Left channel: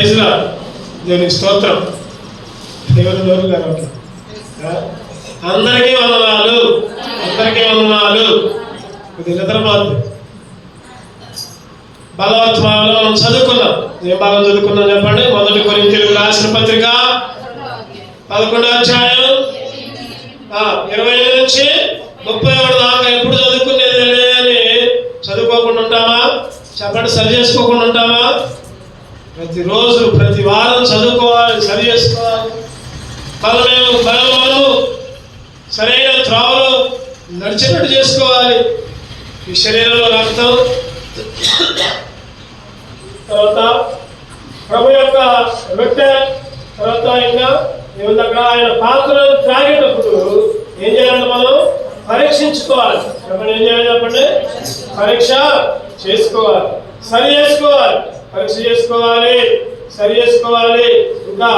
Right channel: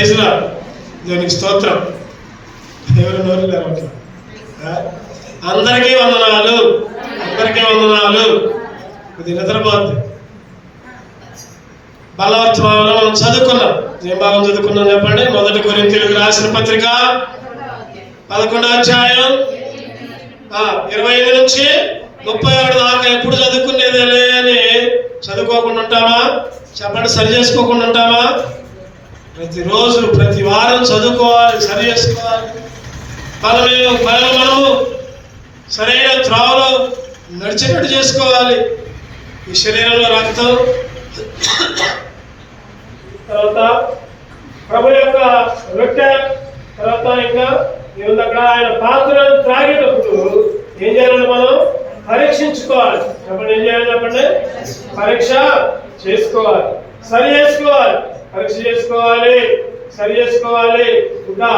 ప్రైజ్లా దేవునికి స్తోత్రం. ఎవరు నోరు లేరు. అందరికీ వందనాలు, అందరికీ వందనాలు. ఇది నిద్రపోద్దు. బలవర్తమానంలో మనం చదువుకున్నాం. ఏం భాగం చదువుకున్నాం చెప్పండి? 1 కొరింథీయులకు రాసిన పత్రిక 11వ అధ్యాయం 25 నుంచి 31 దాకా. ఎప్పుడు చదువుకునేది అని చదువుకోకుండా ఉంటామా? చెప్పండి. సరి చేసుకోకుండా ఉంటామా? ప్రతిరోజు ప్రతి వారం చదువుకోవాలి, సరి చేసుకోవాలి. మనము సరైన త్రావలో నడిచేటట్టు చేసుకోవాలి. ఈ శరీరంలో రక్తం, తర్వాత ప్రభు యొక్క రొట్టె, తర్వాత ఇంకా ఏముంది అక్కడ, ఆయన పాత్రను త్రాగేటప్పుడు ఏం చేయాలంటే మనం పరీక్షించుకోవాలి. చెప్పండి, ఏం చేయాలి చెప్పండి? పరీక్ష చేసుకోవాలి, సరి చేసుకోవాలి, పరీక్ష చేసుకోవాలి, సరి చేసుకోవాలి. ఇంకా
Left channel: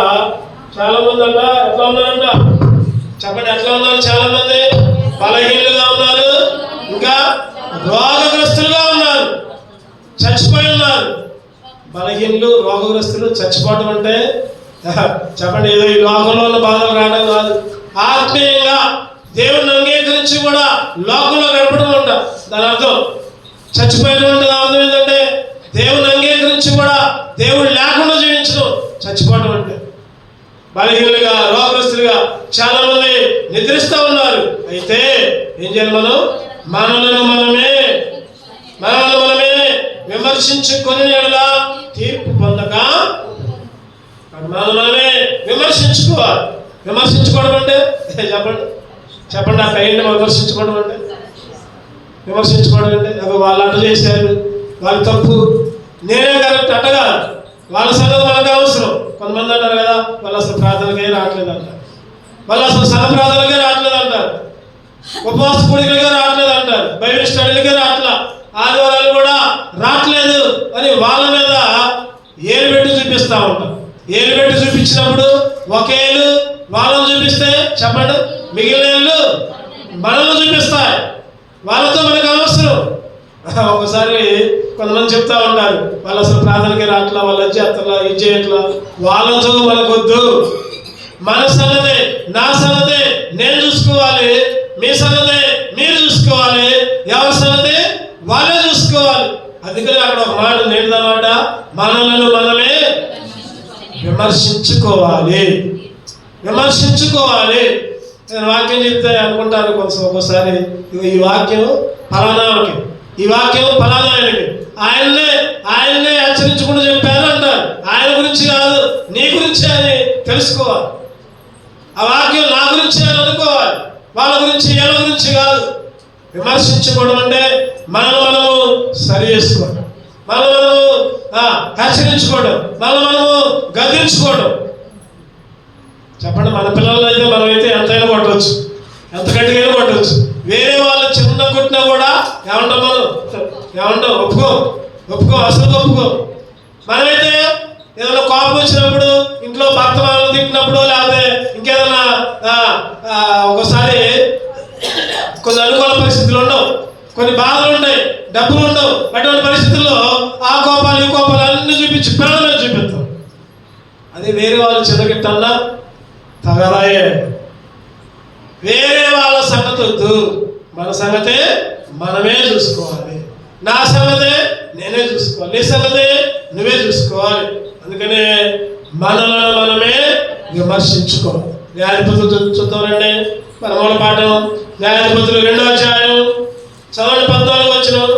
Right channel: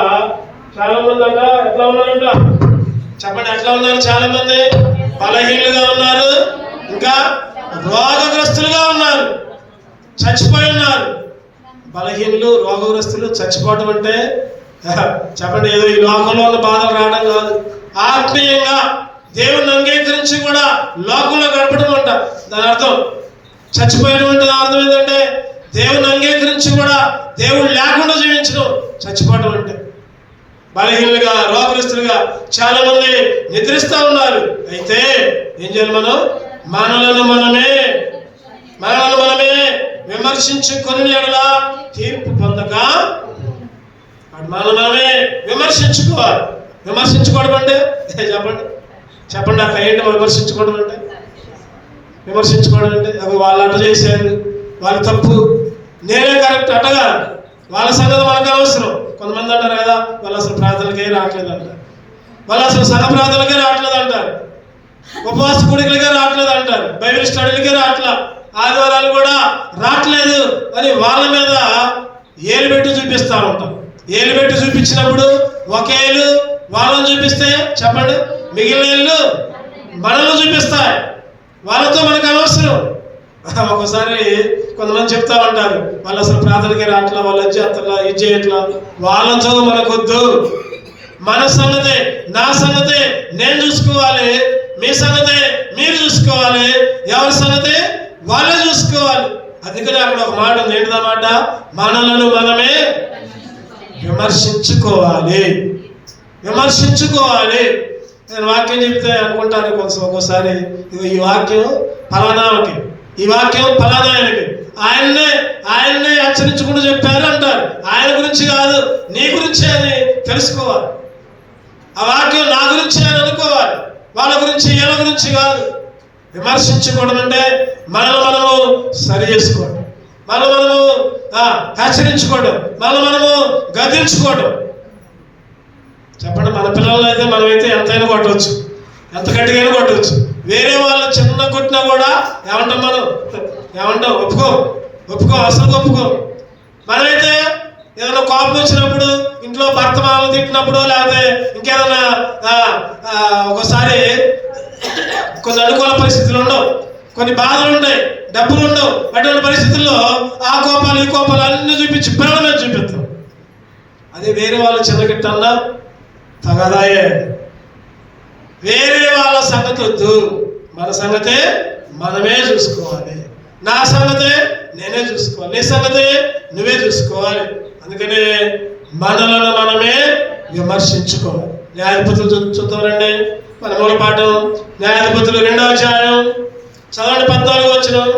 చాలా మంది అంట ఎట్లా ఉన్నారంట చెప్పండి? ఎట్లా ఉన్నారు? చాలా మంది బలహీనులుగా ఉన్నారు, ఇంకా రోగగ్రస్తులుగా ఉన్నారు, చచ్చిపోయి ఉన్నారు. బలహీనులు, రోగగ్రస్తులు చచ్చిపోవటం అంటే చెప్పండి ఏదో ఈ లోకంలో ఉన్న బాధలు రావడం కాదు. ఆత్మీయంగా దేవుణ్ణి అంగీకరించి కూడా లోకంలో గడపడం అంట. దాని అర్థం చచ్చిపోయినటువంటి అర్థం ఏంటంటే దేవుని అంగీకరించి కూడా దేవుడు లేకుండా జీవించడం చచ్చిపోవడం అంటే. బలహీనులుగా, రోగగ్రస్తులుగా చాలా మంది నిద్రిస్తూ ఉన్నారు. అయితే ఏం చేయాలి? మనలను మనమే విమర్శించుకొని ఎలా తీర్పు పొందక మనమే విమర్శించుకోవాలి. విమర్శించుకోవడం అంటే చెప్పండి అక్కడ ఏంటి? విమర్శించుకోవడం అంటే వాళ్ళు అట్ట చేశారు, వాళ్ళు తప్పు, నేనే కరెక్ట్ అట్టగా వాళ్ళ సంగతి మనకు అవసరం. కొంతమంది అంటారు కదా, వాళ్ళు అసలు ప్రార్థనకే రావట్లేదు అంటారు, వాళ్ళు అసలు సగ ప్రార్థనకే రావట్లేదు అంటారు, ఉపవాస కూడికలకే రావట్లేదు అంటారు, బైబిల్ స్టడీలకే రావట్లేదు, ఆదివారాలు కూడా రావట్లేదు అని వాళ్ళ మీద ఏలు పెట్టి చూపిస్తూ ఉంటాం. ఏలు పెట్టి చూపించినప్పుడు ఒక ఏలు వాళ్ళని చూపిస్తే చెప్పండి మిగిలిన ఏళ్ళు మనల్ని చూపిస్తాయి. వాళ్ళతో మనకు అవసరం. ఒకసారి కొంతమంది చెప్తా ఉంటారు, వాళ్ళు అసలు ప్రార్థనకే రావట్లా, వాళ్ళు చేస్తలా, ఇది చేయట్లా, వాళ్ళతో మనకొద్దు. మన సంగతే, నా సంగతే నేను చూసుకోవాలి, మీ సంగతే మీరు చూసుకోవాలి, ఎవరి సంగతే వాళ్ళే చూసుకోవాలి. అందుకని అక్కడ ఒక మాట నేర్దన్నమాట, మనలను మనమే విమర్శించుకోవాలి. నేను వాక్యం చెప్తే అనుకుంటాను కొంచెం ఒక్కోసారి, ఈ వాక్యం ఫలానాకి, ఈ వాక్యం ఫలానాయనకి, ఆయన్నే హెచ్చరించుకుంటూ చెప్పారు అంటారు. ఆయన గురించి కాదు, నీ గురించి అని తెలుసుకోవాలి. ఆ వాక్యం నా గురించి అని అనుకోవాలి, వాళ్ళ గురించి వీళ్ళ గురించి కాదు. విమర్శించుకోవడం అంటే మనము సరి చేసుకోవడం, మనము హెచ్చరించుకోవడం, మనము గద్దించుకోవడం. చెప్పండి, మన పిల్లలు అయితే మనమైతే ఎంతైనా కొట్టవచ్చు, ఎంత గట్టిగా కొట్టవచ్చు. వేరే వాళ్ళు చిన్న కొట్టినా కూడా ఏమంటాం ఒప్పుకో అసలు ఒప్పుకో. మనమైతే ఏదైనా కోపం వచ్చినప్పుడు, ఇంట్లో భర్త మనల్ని తిట్టినప్పుడు, లేకపోతే ఇంకేదైనా ఒకసారి కొన్ని అనుకూల పరిస్థితులు ఉండవు, కొన్ని బాధలు ఉన్నాయి, డబ్బులు ఉండవు. అటువంటి పరిస్థితుల్లో ఆ కోపాలు ఈ కోపాలు అన్ని చూపించి పిల్లలు చూపిస్తాం. అది వేరే వాళ్ళు చిన్నగిట్టన్నా తగదాయే. వేరే వాళ్ళ సంగతి వద్దు, మన సంగతే మనమే చూసుకోవాలి. నా సంగతే నేనే చూసుకోవాలి, నీ సంగతే నువ్వే చూసుకోవాలి. అందుకనే మనలను మనమే విమర్శించుకోవాలి. న్యాయాధిపతులు చూద్దామండి. మన మూల పాఠం న్యాయాధిపతులు 2వ అధ్యాయం చదవండి, 14వ వచనం.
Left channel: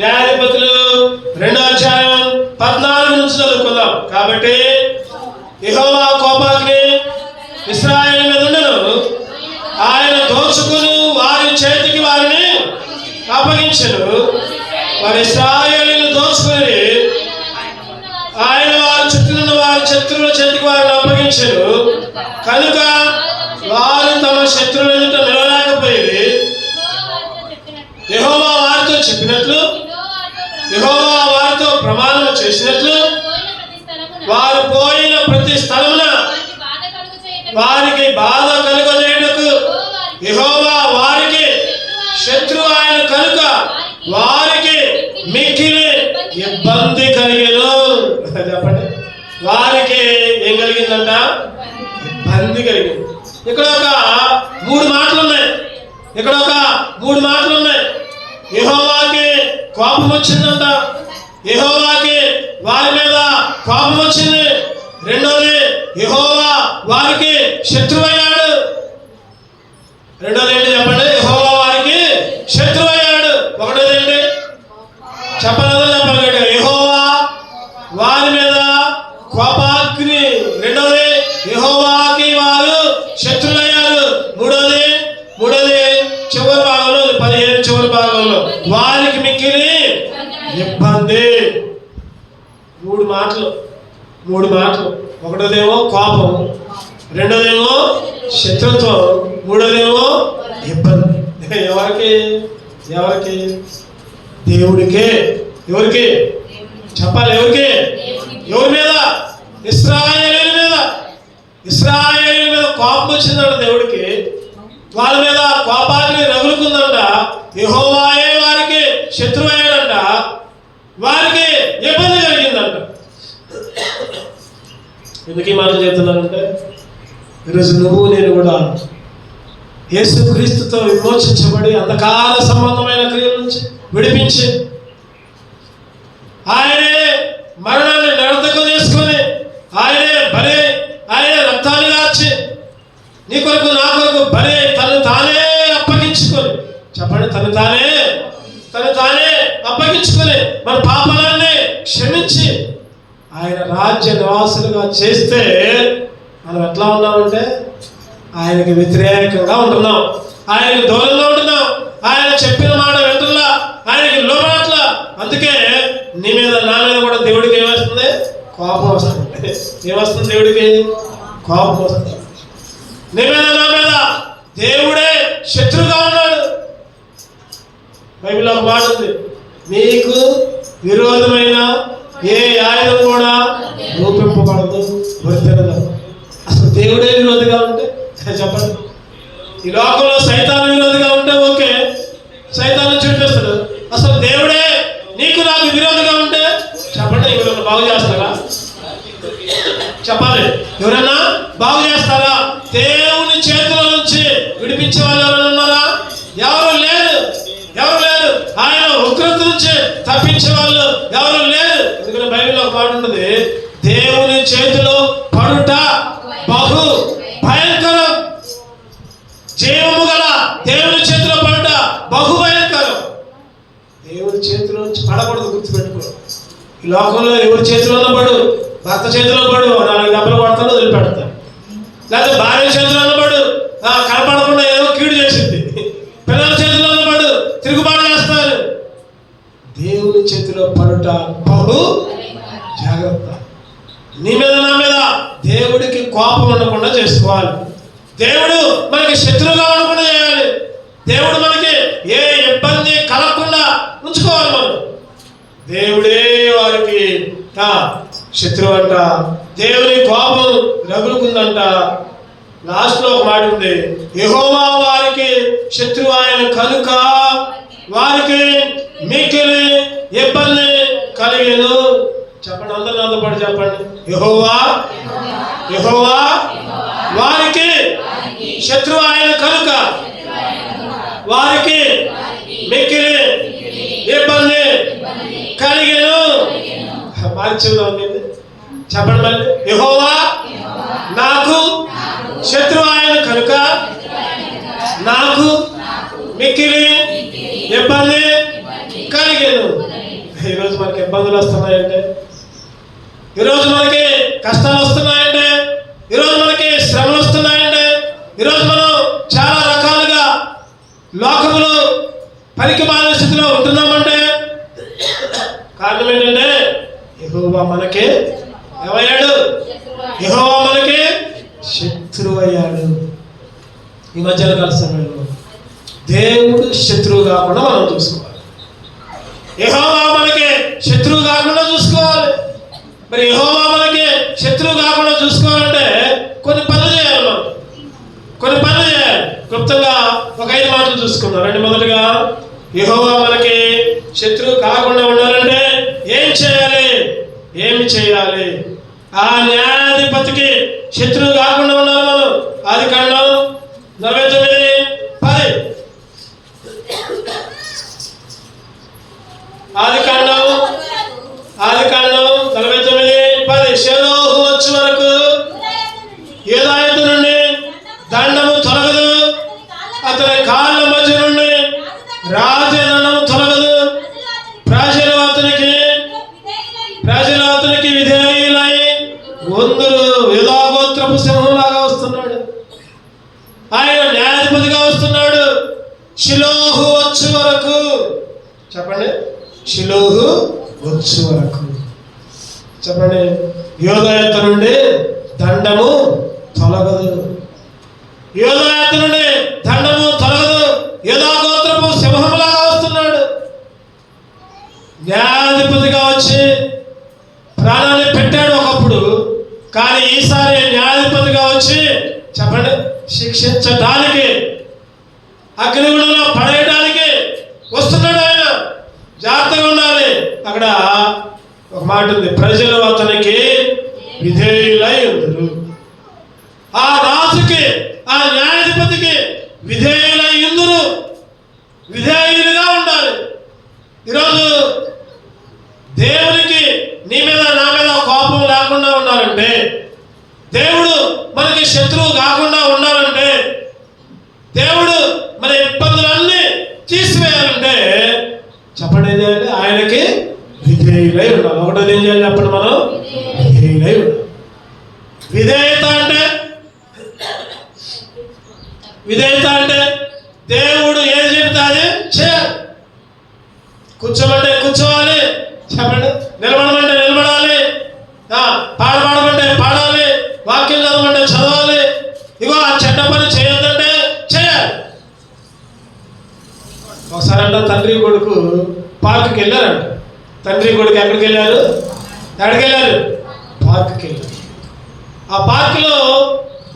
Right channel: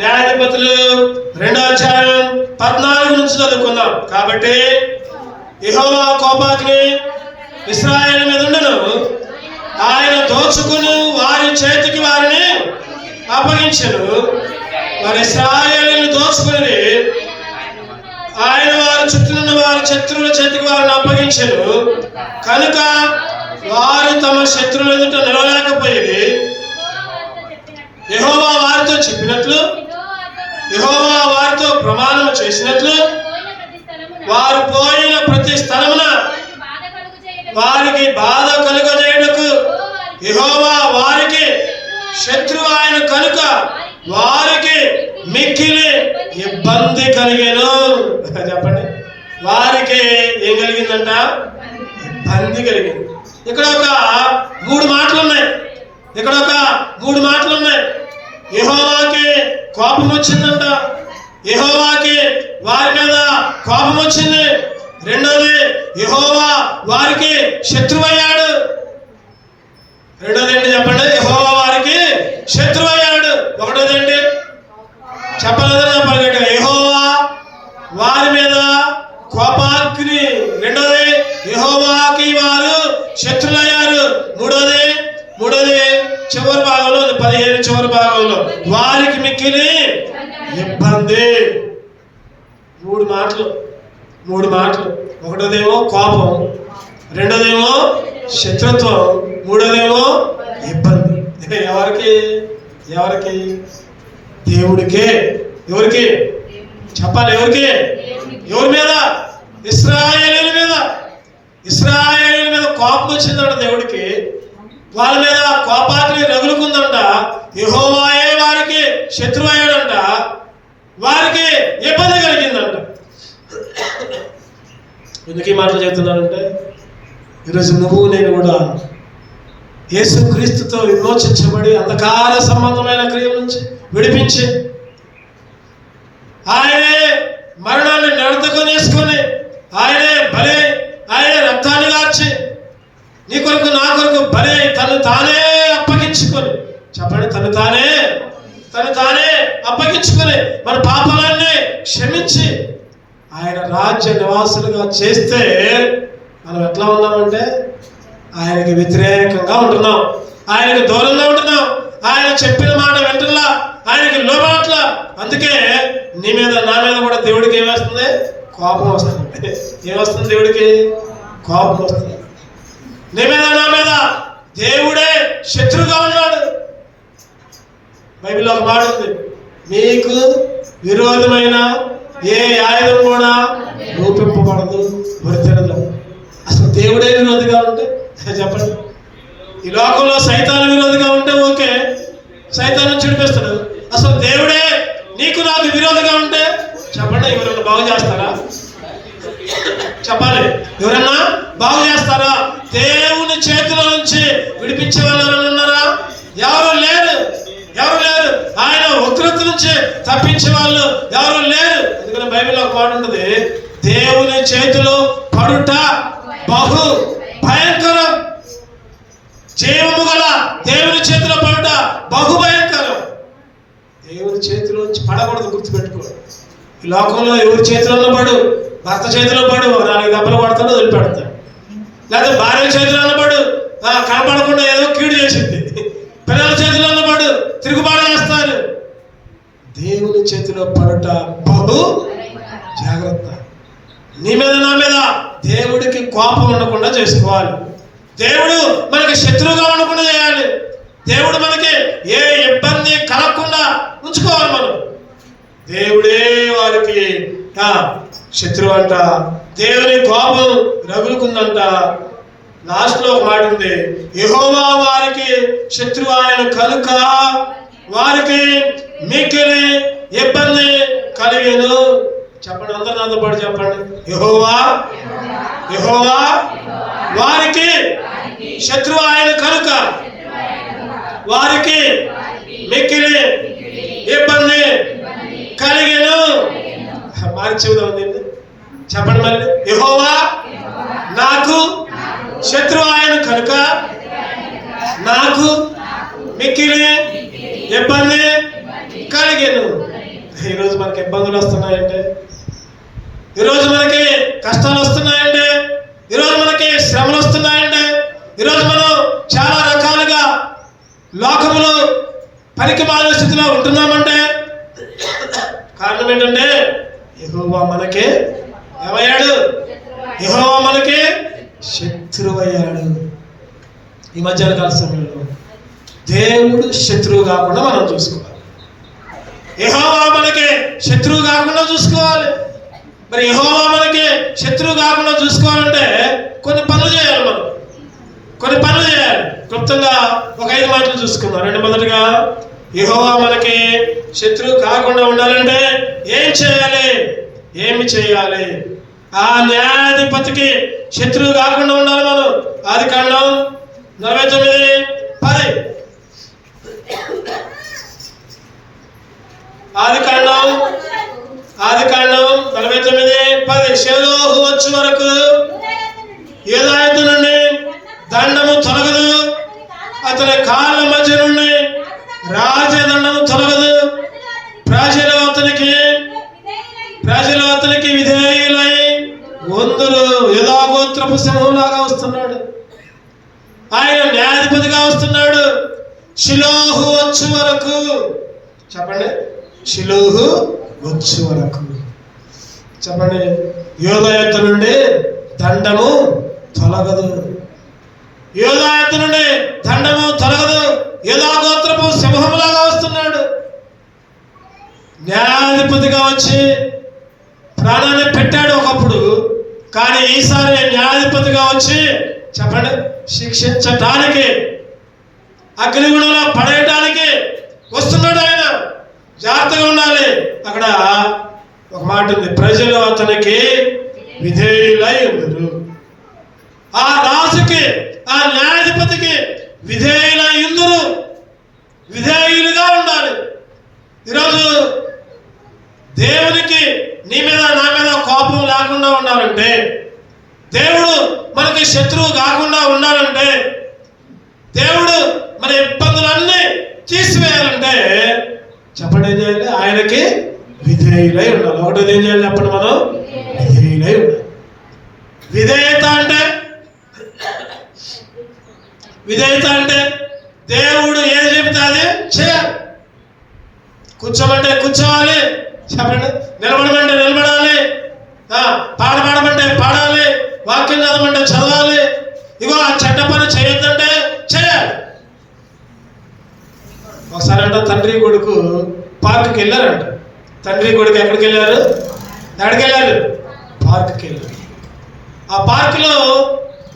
న్యాయాధిపతులు 2వ అధ్యాయం 14 నుంచి చదువుకుందాం. కాబట్టి యెహోవా కోపాగ్ని ఇశ్రాయేలు మీద ఉండెను, ఆయన దోచుకుని వారి చేతికి వారిని అప్పగించెను. వారి ఇశ్రాయేలును దోచుకుని ఆయన వారి చుట్టూ నుండి వారి శత్రువుల చేతికి వారిని అప్పగించెను. కనుక వారు తమ శత్రువుల ఎదుట నిలవలేకపోయేది. యెహోవా వారితో చెప్పినట్లు, యెహోవా వారితో ప్రమాణం చేసినట్లు, వారు పోయిన ప్రతి స్థలమున వారికి బాధ కలుగజేయుటకు యెహోవా వారికి శత్రువు ఆయన కనుక వారికి మిక్కిలి ఇబ్బంది కలిగేను. చెప్పండి, వారికి ఏం కలిగిందంట? ఇబ్బంది కలిగింది. ఇక్కడ ఒక మూడు మాటలు ఉన్నాయి. యెహోవాకి కోపం వచ్చిందంట. యెహోవాకి వారి మీద కోపం వచ్చింది. రెండోది, యెహోవా వారికి శత్రువయ్యాడు. రెండోది ఏంటి చెప్పండి? యెహోవా వారికి శత్రువయ్యాడు. ఒకటోది ఏంటి చెప్పలేదు? యెహోవా వారి మీద కోపాగ్ని. రెండోది, యెహోవాకి వారు శత్రులయ్యారు. మూడోది చివరి భాగంలో, 15 చివరి భాగంలో, వారికి మిక్కిలి ఇబ్బంది. మూడు మాటలు. ఒకటోదేమో కోపం, రెండోదేమో శత్రుత్వం, మూడోదేమో ఇబ్బంది. ఎవరికి? దేవుడికే. ఎవరికి చెప్పాలి? ఎవరి మీద? ఇశ్రాయేలీయుల మీద కోపం వచ్చిందంట దేవుడికి. వాళ్ళ మీద కోపాగ్ని రగులుకుందంట. యెహోవాయే వారికి శత్రువు అయ్యాడంట. వారికి ఇబ్బంది కలిగిందంట. ఎందుకు ఈ మాటలు చెప్తున్నానంటే, ఈరోజు నువ్వు నేను కూడా యేసుక్రీస్తుతో విమోచించబడి అంధకార సంబంధమైన క్రియల నుంచి విడిపించి ఆయనే మరణాన్ని నడతకు చేసుకొని ఆయనే రక్తాన్ని గార్చి నీ కొరకు నా కొరకు బలే తను తానే అప్పగించుకొని, చెప్పండి, తను తానే అప్పగించుకొని మన పాపాలన్నీ క్షమించి ఆయన రాజ్య నివాసులుగా చేస్తే మనం ఎట్లా ఉన్నామంటే ఆయనకి వ్యతిరేకంగా ఉంటున్నాం, ఆయనకి దూరంగా ఉంటున్నాం, ఆయన చెప్పిన మాట వింటున్నా, ఆయనకి లోబడట్లా. అందుకే నీ మీద నా మీద కూడా దేవుడికి ఏమొస్తుంది? కోపం వస్తుంది. ఏమొస్తుంది? దేవుడికి కోపం వస్తుంది. నీ మీద నా మీద దేవుడే శత్రువుగా ఉన్నాడు. బైబిల్లో ఒక మాట ఉంది, మీకు విరోధమైన ఏ ఆయుధం కూడా రూపింపబడదు, వర్తిరదు. అసలు దేవుడే విరోధిగా ఉంటే చెప్పండి. ఈ లోకంలో సైతాను విరోధిగా ఉంటే ఓకే, సైతాను చూపిస్తాడు. అసలు దేవుడే నీకు నాకు విరోధిగా ఉంటే చెప్పండి, ఎవరైనా బాగు చేస్తారా? చెప్పాలి, ఎవరైనా బాగు చేస్తారా? దేవుని చేతిలో నుంచి విడిపించే వాళ్ళు ఎవరైనా ఉన్నారా? ఎవరు లేరు. ఆయన ఉగ్రత నుంచి తప్పించే వాళ్ళు ఎవరు లేరు. ఎందుకంటే బైబిల్లో ఒక మాట ఉంటుంది, దేవుని చేతిలో పడుట బహు భయంకరం. జీవము గల దేవుని చేతిలో పడుట బహు భయంకరం. దేవుని చేతిలో నుంచి పడకూడదు, గుర్తుపెట్టుకో. ఈ లోకంలో ఎవరి చేతిలో పడు, భర్త చేతిలో పడు, 4 దెబ్బలు పడతాడు, వదిలిపెడతాడు. లేకపోతే భార్య చేతిలో పడు, కనపడకుండా ఏదో కీడు చేసింది. పిల్లల చేతిలో పడు, తిరుగుబాటు చేస్తారు. దేవుని చేతిలో పడుట బహు జాగ్రత్త. నీ మీద నా మీద దేవుడికి కోపం ఉండకుండా చేసుకోవాలి. దేవుడు మనకి శత్రువుగా ఉండకుండా చేయాలి. దేవుడు మనకి ఏ ఇబ్బంది కలగకుండా ఉంచుకోవాలి. మనం దేవుడే వారికి శత్రువు అంట. దేవుని కోపం రగులుకుందంట. లాస్ట్ లో ఒక మాట ఉంది, యెహోవా వారికి శత్రువు ఆయన కనుక వారికి మిక్కిలి ఇబ్బంది కలిగెను. చెప్పండి, అందరూ నాతో పాటు చెప్పండి, యెహోవా వారికి శత్రువు ఆయన కనుక వారికి మిక్కిలి ఇబ్బంది కలిగెను. మార్చి చెప్పండి మళ్ళీ, యెహోవా నాకు శత్రువు ఆయన కనుక నాకు మిక్కిలి ఇబ్బంది కలిగెను. ఈరోజు మనకి ఇబ్బందులు వస్తున్నాయంటే, ఈరోజు మనకి కష్టాలు వస్తున్నాయంటే, ఈరోజు మనకి శ్రమలు వస్తున్నాయంటే, ఈరోజు మనం చాలా రకాలుగా లోకములో పనికి మాలిన స్థితిలో ఉంటున్నామంటే కారణం ఏంటంటే యెహోవా మనకి ఏమయ్యాడు? యెహోవా మనకి శత్రువు అయ్యాడు. ఈ మధ్యకాల సమయంలో దేవుడు శత్రువు కాకుండా మనం చూసుకోవాలి. యెహోవా మనకి శత్రువు కాకుండా చూసుకోవాలి. మరి యెహోవా మనకి శత్రువు కాకుండా చూసుకోవాలంటే కొన్ని పనులు చేయాలి. మనం కొన్ని పనులు చేయాలి. క్లుప్తంగా ఒక 5 మాటలు చూసుకుందాం. మొదటిగా యెహోవా మనకి శత్రువు కాకుండా ఉండాలంటే ఏం ఏమి చేయాలి? ఆ న్యాయాధిపతికి శత్రువు కాకుండా ఉండాలి మనం. ఆదికాండం 49:10. ఆదికాండం 49:10. షేలోహు వచ్చే వరకు యూదాయతు నుండి దండము తొలగదు, అతని కాళ్ళ మధ్య నుండి రాజదండము తొలగదు. ప్రజలు అతనికి విధేయులై వందరు యూదాగోత్రపు సింహంలాగా వస్తున్నాడు. ఆయన న్యాయాధిపతిగా వస్తున్నాడు. షిలోహు వచ్చే వరకు, చెప్పండి, షిలోహు వచ్చే వరకు చెప్పండి. యూదాయతు నుండి దండము తొలగదు, యూదాయతు నుండి దండము తొలగదు. యూదాగోత్రపు సింహంలాగా వస్తున్నాడు. న్యాయాధిపతిగా వచ్చి ప్రాణాన్ని పెట్టాడు ఒకప్పుడు, కానీ ఈసారి న్యాయాధిపతిగా వచ్చి చెప్పండి శిక్షించడానికి, అగ్నిగుణంలో పడేయడానికి వస్తున్నాడు ఆయన. జాగ్రత్తగా ఉండాలి. అక్కడ ఒక మాట ఉంది, ప్రజలు అతనికి విధేయులై ఉందరు. ఆ రాజుకి, ఆ న్యాయాధిపతికి విధేయులై ఉందరు. విధేయులుగా ఉండాలి. ఈరోజు దేవునికి నీ మీద నా మీద కోపం లేకుండా ఉండాలంటే, దేవుడు మనకి శత్రువు కాకుండా ఉండాలంటే, దేవుడు మన ఇబ్బందులన్నీ తీసివేయాలంటే చెప్పండి ఏం చేయాలి? ఆయనకి విధేయులై ఉండాలి. ఒకటోది ఏం చేయాలి? అప్పుడు మనం విధేయులై ఉండాలి. విధేయత అంటే దేవుడు ఏం చెబితే అది చేయాలి. కూర్చోమంటే కూర్చోవాలి, చెప్పండి. నిలబడమంటే నిలబడాలి, పాడమంటే పాడాలి, వాక్యం చదవమంటే చదవాలి. ఇగో ఆ చెడ్డ పని చేయొద్దంటే చేయాలి. ఒకసారి అంట తండ్రి కొడుకు పార్కుకి వెళ్ళారంట. తండ్రి కొడుకు ఎక్కడికి వెళ్ళారు? పార్కుకి వెళ్ళారు. ఆ పార్కులో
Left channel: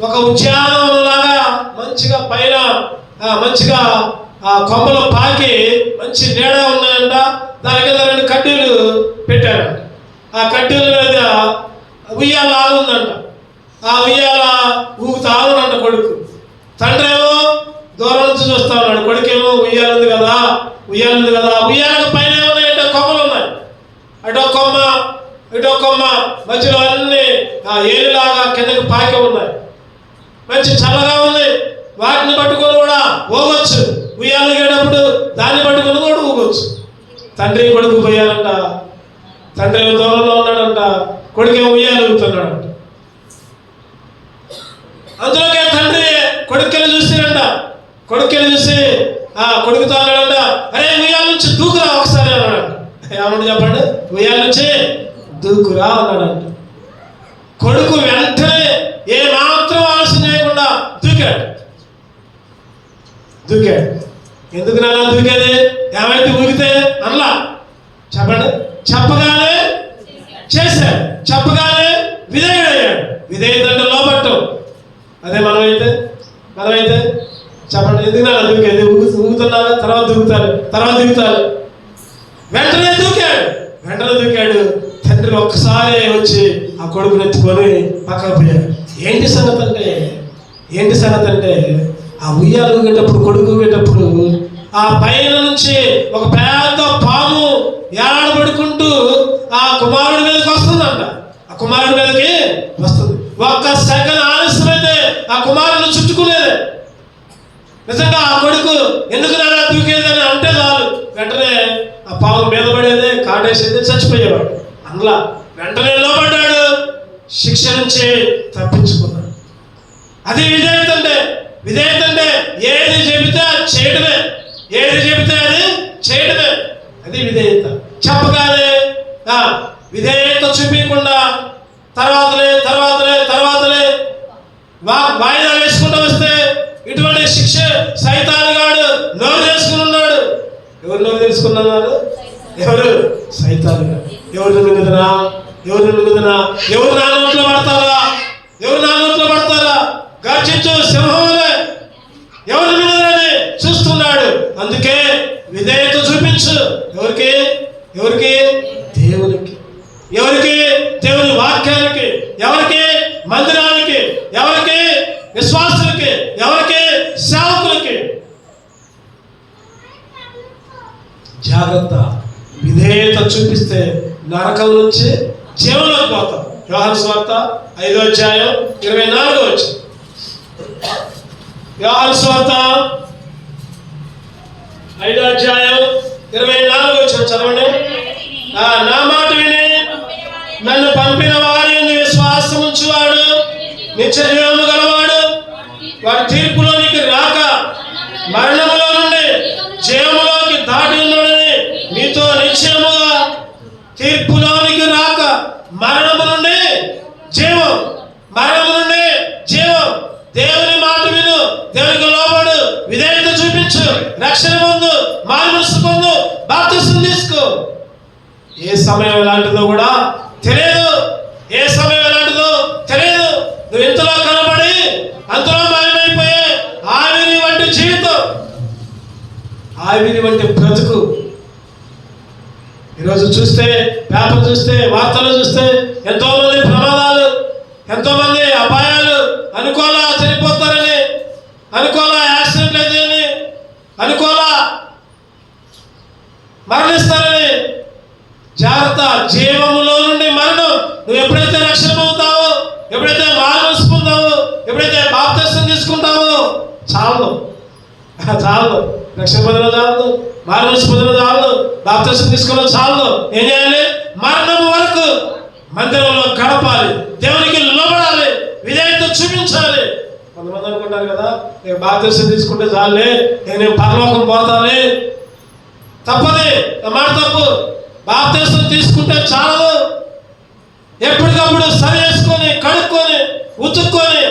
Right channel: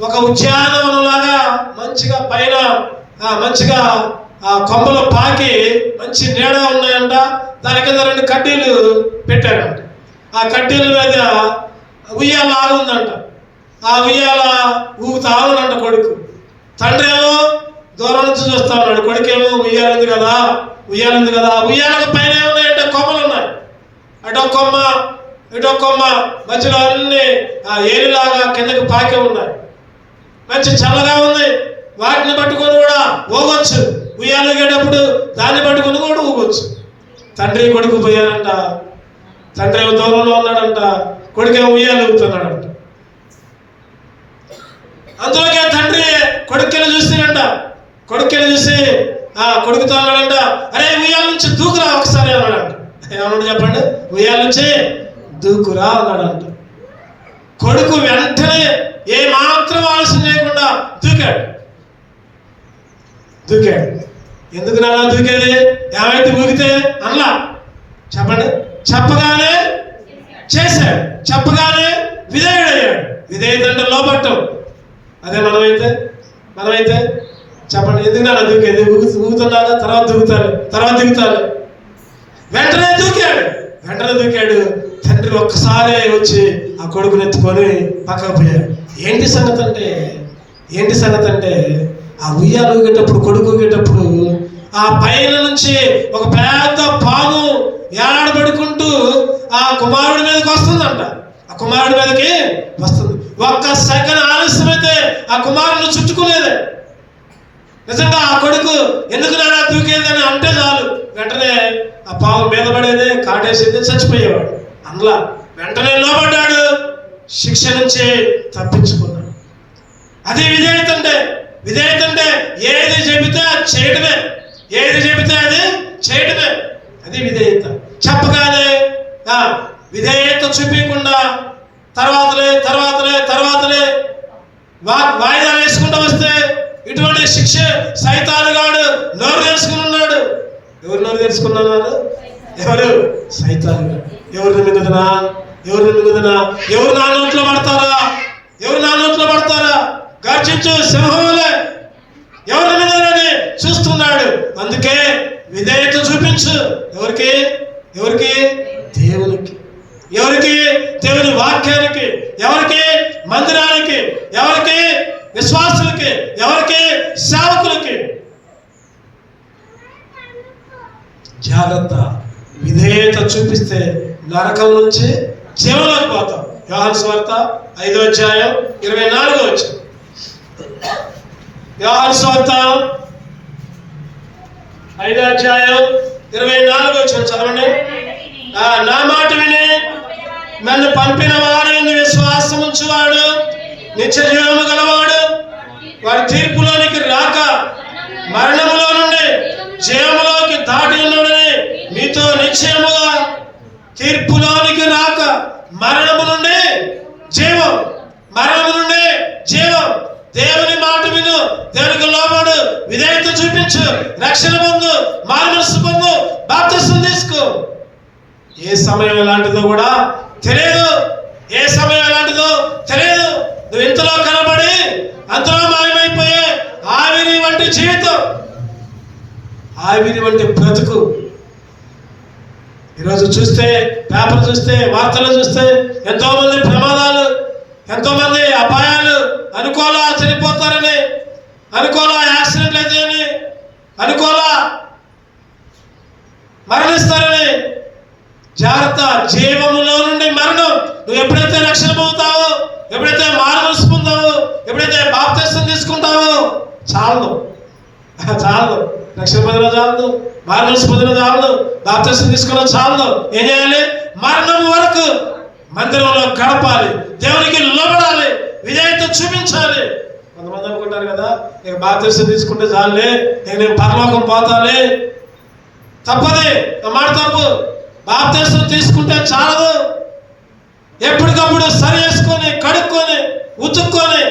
ఒక ఉద్యానవనం లాగా మంచిగా పైన మంచిగా ఆ కొమ్మల పాకి మంచి నీడ ఉన్నాయంట. దాని కింద 2 కడ్డీలు పెట్టాడంట. ఆ కడ్డీల మీద ఉయ్యాల ఆగుందంట. ఆ ఉయ్యాల ఊగుతా ఉన్నాడంట కొడుకు. తండ్రి ఏమో దూరం నుంచి చూస్తా ఉన్నాడు. కొడుకేమో ఉయ్యాలుంది కదా. ఉయ్యాలకు పైన ఏమున్నాయంటే కొమ్మలు ఉన్నాయి. అటో కొమ్మ మధ్యలో అన్ని ఏలిలాగా కిందకి పాకే ఉన్నాయి. మంచి చల్లగా ఉంది. వాటిని పట్టుకొని కూడా ఊగొచ్చు. ఉయ్యాలుగేటప్పుడు దాన్ని పట్టుకొని కూడా ఊగొచ్చు. తండ్రి కొడుకు పోయారంట. తండ్రి దూరంలో ఉన్నాడంట, కొడుకేమో ఉయ్యాలు ఊగుతున్నాడంట. అందులోకే తండ్రి కొడుకుని చూస్తాడంట. కొడుకుని చూసి కొడుకుతో అన్నాడంట, అరే ఉయ్యాల నుంచి దూకురా ఒకసారి అన్నాడంట. ఏమన్నా చెప్పండి? ఉయ్యాల నుంచి దూకురా అన్నాడంట. కొడుకు వెంటనే ఏ మాత్రం ఆలస్యం చేయకుండా దూకాడు. ఎందుకు నాలా దూకేది? ఏమైతే ఊగితే అలా చెప్పండి. చెప్పగానే చేశాడు, చెప్పగానే విధేయుడయ్యాడు. విధేయత అంటే లోపట్టం. అదే మనమైతే చెప్పండి, ఎందుకు నాలా దూకేది? ఊగుతున్నారు, తర్వాత దిగుతారు. వెంటనే దూకాడు. తండ్రి ఒక్కసారి వచ్చి ఆ కొడుకుని ఎత్తుకొని పక్కకు పోయాడు. ఏంటి సంగతి అంటే ఆ ఉయ్యాలు ఊగేటప్పుడు, కొడుకు ఊగేటప్పుడు ఆ పైన నుంచి ఒక పెద్ద పాము ఏలాడబడుకుంటూ ఆ కుమారుడి మీదకి వస్తుందంట. ఆ కుమారుడి మీదకి వస్తుంది. ఒక్క సెకండ్ ఆలస్యమైతే ఆ కుమారుని చుట్టుకునేది. నిజంగా ఆ కొడుకు ఎందుకు నేను దూకేది అని అంటే చాలు, వెంటనే ఆ పాము మీద పడేది, కాటేసేది, చచ్చిపోయేవాడు. అందులో వెంటనే లోపడ్డాడు, శిక్ష నుంచి తప్పించుకున్నాడు. అది విధేయత అంటే ఏది చెబితే అది చేయడమే. అది విధేయత. చెప్పగానే విధేయత చూపించకుండా తర్వాతలే వాయిదాలు వేసుకుంటూ వస్తే ఇటువంటి శిక్ష సైతానుగాడు నోరు తెలుసుకుని ఉన్నాడు. ఎవరు నోరు తెలుసుకున్నారు? ఎవరు? సైతానుగాడు. ఎవరు మింగుదనా? ఎవరు నా నోట్లో పడతారా? గర్జించు సింహంలే ఎవరి మీదనే చూస్తున్నాడు. అందుకే విధేయత చూపించు. ఎవరికి? దేవునికి. ఎవరికి? చూపిస్తే నరకం నుంచి జీవంలోకి పోతాం. యోహాను సువార్త 5వ అధ్యాయం 24వ వచనం. యోహాను సువార్త 5వ అధ్యాయం 24వ వచనం చదవండి. నా మాట విని నన్ను పంపిన వారిని విశ్వాసం ఉంచువాడు నిత్య జీవము గలవాడు, వారి తీర్పులోనికి రాక మరణములో నుండి జీవములోకి దాటి ఉన్నాడని మీతో నిశ్చయముగా. తీర్పులోనికి రాక మరణము నుండి జీవం, మరణము నుండి జీవం. దేవుని మాట విను, దేవునికి లోబడు, విధేయత చూపించు, రక్షణ పొందు, మారుమనస్సు పొందు, బాప్తిసం తీసుకో. ఏ సమయం ఎలాంటిదో కూడా తెలియదు, ఏ సమయం ఎలాంటిదో తెలియదు. నువ్వు ఇంతలో కనబడి అంతలో మాయమైపోయే ఆవిరి వంటి జీవితం, ఆవిరి వంటి బ్రతుకు. ఈరోజు చూస్తే, పేపర్ చూస్తే, వార్తలు చూస్తే ఎంతో మంది ప్రమాదాలు, ఎంతో మంది అపాయాలు. అనుకోలా చనిపోతారని, అనుకోలా యాక్సిడెంట్లు అయితేని, అనుకోలా మరణిస్తారని. జాగ్రత్త, జీవములో నుండి మరణం. నువ్వు ఎప్పుడైతే రక్షణ పొందుతావో, ఎప్పుడైతే మారుమనస్సు పొందావో, ఎప్పుడైతే బాప్తిసం తీసుకుంటావో చాలు, చాలు. రక్షణ పొందడం చాలు, మారుమనస్సు పొందడం చాలు, బాప్తిసం తీసుకోవడం చాలు. ఏం చేయాలి? మరణం వరకు మందిరంలో గడపాలి, దేవునికి లోబడాలి, విధేయత చూపించాలి. కొంతమంది అనుకుంటారు కదా, నేను బాప్తిసం తీసుకుంటే చాలే, నేను పరలోకం పోతానే. తప్పది, మాట తప్పు. బాప్తిసం తీసుకుంటే చాలదు. ఎప్పటికప్పుడు సరి చేసుకొని, కడుక్కొని, ఉతుక్కొని,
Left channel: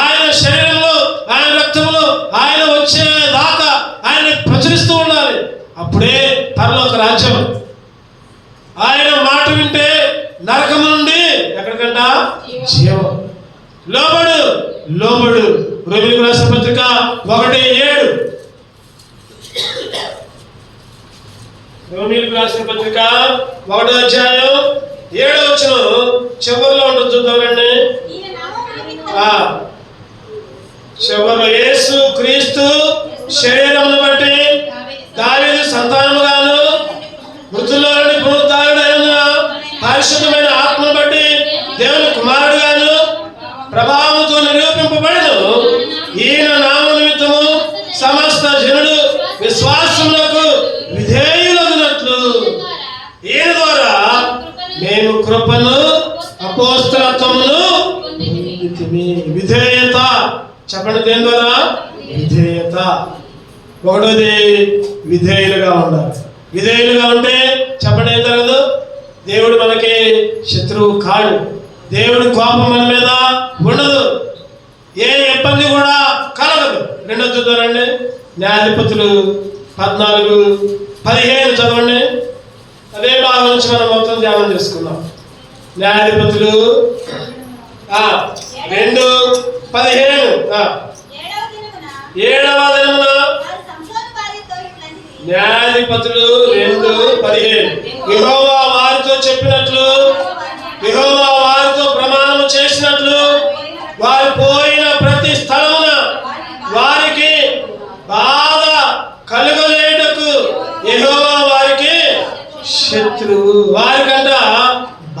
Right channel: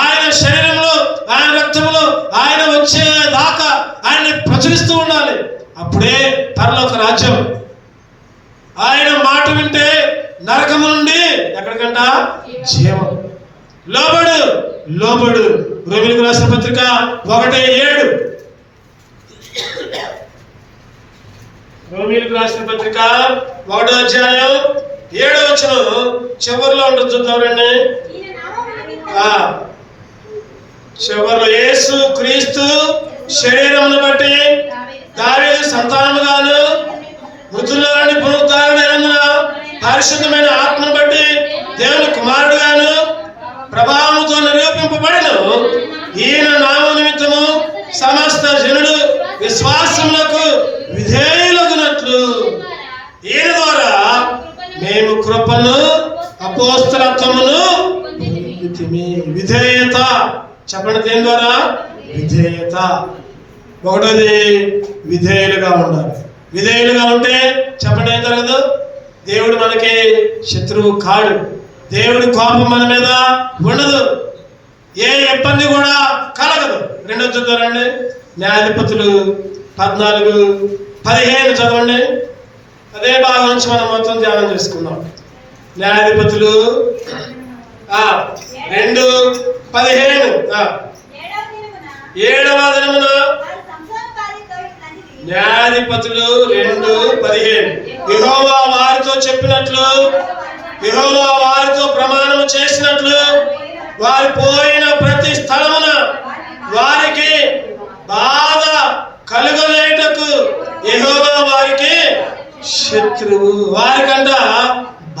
ఆయన శరీరంలో, ఆయన రక్తంలో ఆయన వచ్చే దాకా ఆయన్ని ప్రచురిస్తూ ఉండాలి. అప్పుడే పరలోక రాజ్యం. ఆయన మాట వింటే నరకము నుండి ఎక్కడికంట? జీవం. లోబడు, లోబడు. రోమీయులకు రాసిన పత్రిక 1:7. రోమీయులకు రాసిన పత్రిక 1వ అధ్యాయం 7వ వచనం చివరిలో ఉంటుంది, చూద్దామండి. చివరిలో యేసు క్రీస్తు శరీరమును బట్టి దావీదు సంతానముగాను మృతుల్లో నుండి పునరుద్ధానుడైన పరిశుద్ధమైన ఆత్మను బట్టి దేవుని కుమారుడుగాను ప్రభావముతో నిరూపింపబడెను. ఈయన నామ నిమిత్తము సమస్త జనుడు విశ్వాసములకు విధేయులగునట్లు ఈయన ద్వారా మేము కృపను అపోస్తలత్వమును విధేయత. చెప్పండి, దేని ద్వారా? విధేయత. ఒకటోది విధేయులుగా ఉండాలి. విధేయులుగా ఉంటే చెప్పండి ఏం జరగదు? దేవుడు మనకి శత్రువు కాడు, దేవుడి కోపం మన మీద ఉండదు, ఏ ఇబ్బంది కూడా కలగదు. రెండో చూద్దారండి, న్యాయాధిపతులు 14:15 చదవండి. అదే భాగం నుంచి మనం మొత్తం ధ్యానం చేసుకున్నాం. న్యాయాధిపతులు 2:15. 7వ దినమున న్యాయాధిపతులు 2:15 యెహోవా వారితో చెప్పినట్లు, యెహోవా వారితో ప్రమాణం చేసినట్లు వారు పోయిన ప్రతి స్థలమున వారికి బాధ కలుగలేటకు యెహోవా వారికి శత్రువు. వారికంట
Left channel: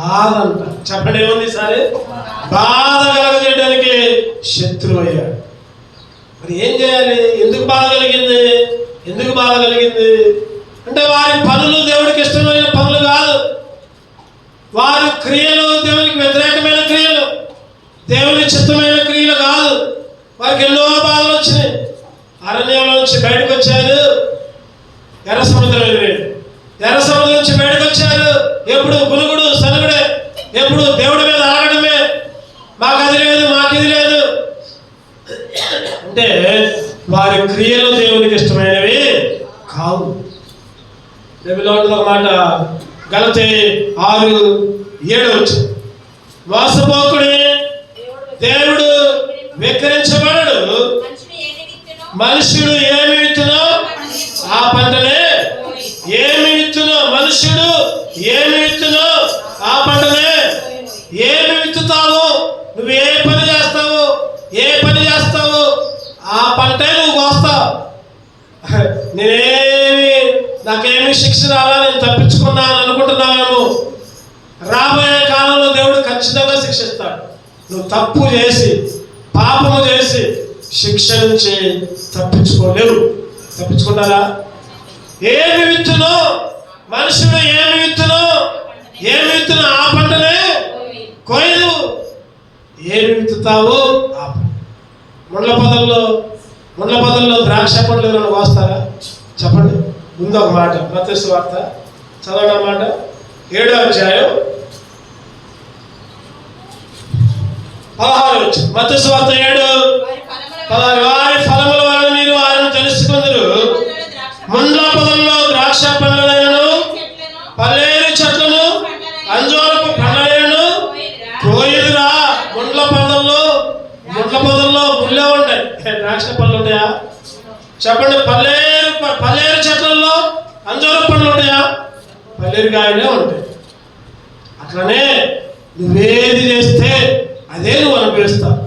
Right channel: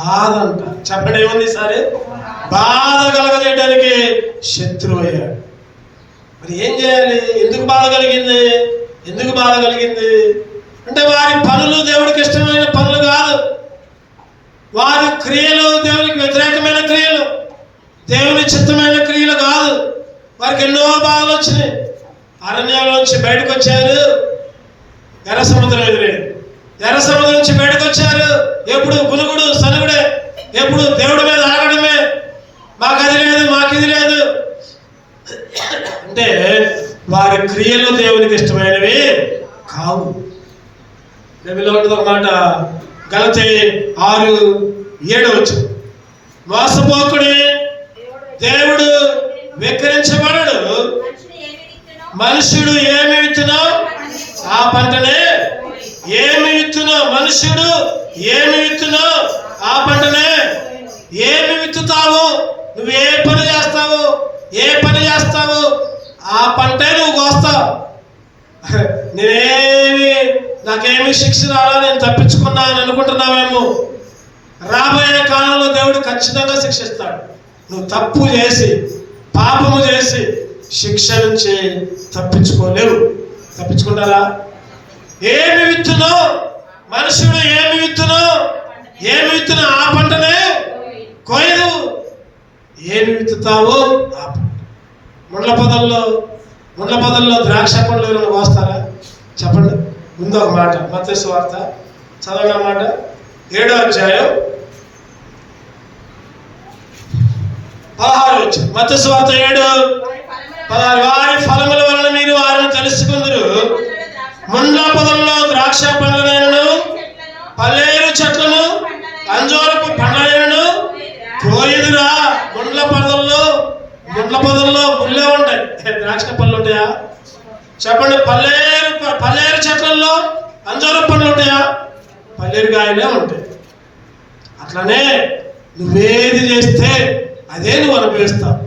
బాధ అంట. చెప్పండి, ఏముంది సరే? బాధ కలగలేయడానికి శత్రువు అయ్యాడు. మరి ఏం చేయాలి? ఎందుకు బాధ కలిగింది? ఎందుకు బాధ కలిగింది అంటే వారి పనులు దేవుడికి ఇష్టమైన పనులు కాదు, వారి క్రియలు దేవునికి వ్యతిరేకమైన క్రియలు, దేవుని చిత్తమైన క్రియలు కాదు. వారికి ఎన్నో బాధలు వచ్చినాయి. అరణ్యంలో నుంచి బయటకు వచ్చారు, ఎర్ర సముద్రం ఎదురేది. ఎర్ర సముద్రం నుంచి బయటకు వచ్చారు, ఎప్పుడు గునుగుడు సనుగుడే, ఎప్పుడు దేవుడి మీద ఆగడమే. మాకు అది లేదు, మాకు ఇది లేదు అంటే వారి క్రియలు దేవునికి ఇష్టమైనవి కావు. బైబిల్లో ఉంటుంది ఒక మాట, గలతీ 6:7 మోసపోకుడే దేవుడు వెక్కిరించబడడు. మనుషుడు ఏమి విత్తునో ఆ పంటనే, ఏమి విత్తునో మనుషుడు ఏమి విత్తునో ఆ పంటనే. ఏమి విత్తుతావు, నువ్వు ఏ పని చేస్తావు, ఏ పని చేస్తావు ఆ పంటే నువ్వు కోస్తావు. నాకేమి శిక్ష రాలా, నేను తప్పించుకున్నా తప్పించుకున్నాను అనుకుంటున్నావేమో. రాబోయే కాలంలో దేవుడు ఖచ్చితంగా శిక్షిస్తాడు. నువ్వు తప్పు చేసి పాపము చేసి శిక్ష నుంచి తప్పించుకోలేవు. తప్పించుకుంటారా? ఏమి విత్తునో మనుషుడు, ఏమి విత్తునో ఆ పంటనే కోయదు. ఏమి విత్తుతావో ఆ పంట. ముండ్ల పొదల్లో ద్రాక్ష పండ్లు ఏమైనా కోస్తారా? చెప్పండి. ముందు ఒక మాట, మత్తయి సువార్త చదవగా మాట 7వ అధ్యాయం 16వ వచనం. మత్తయి సువార్త 7:16. వారి ఫలముల వలన మీరు వారిని తెలుసుకుందురు. ముండ్ల పొదల్లో ద్రాక్ష పండ్లనైనను పల్లేరు చెట్లను అంజూరపు పండ్లనైనను కోయదురా. ముండ్ల పొదల్లో ముళ్ళే ఉంటాయి. ద్రాక్ష పళ్ళు ఉంటాయా? చెప్పండి. పల్లేరు చెట్లలో అంజూరపు పండ్లు ఉంటాయా? పల్లేరు కాయలే ఉంటాయి. అట్లనే నువ్వేది చేస్తే అదే నువ్వు అనుభవిస్తావు.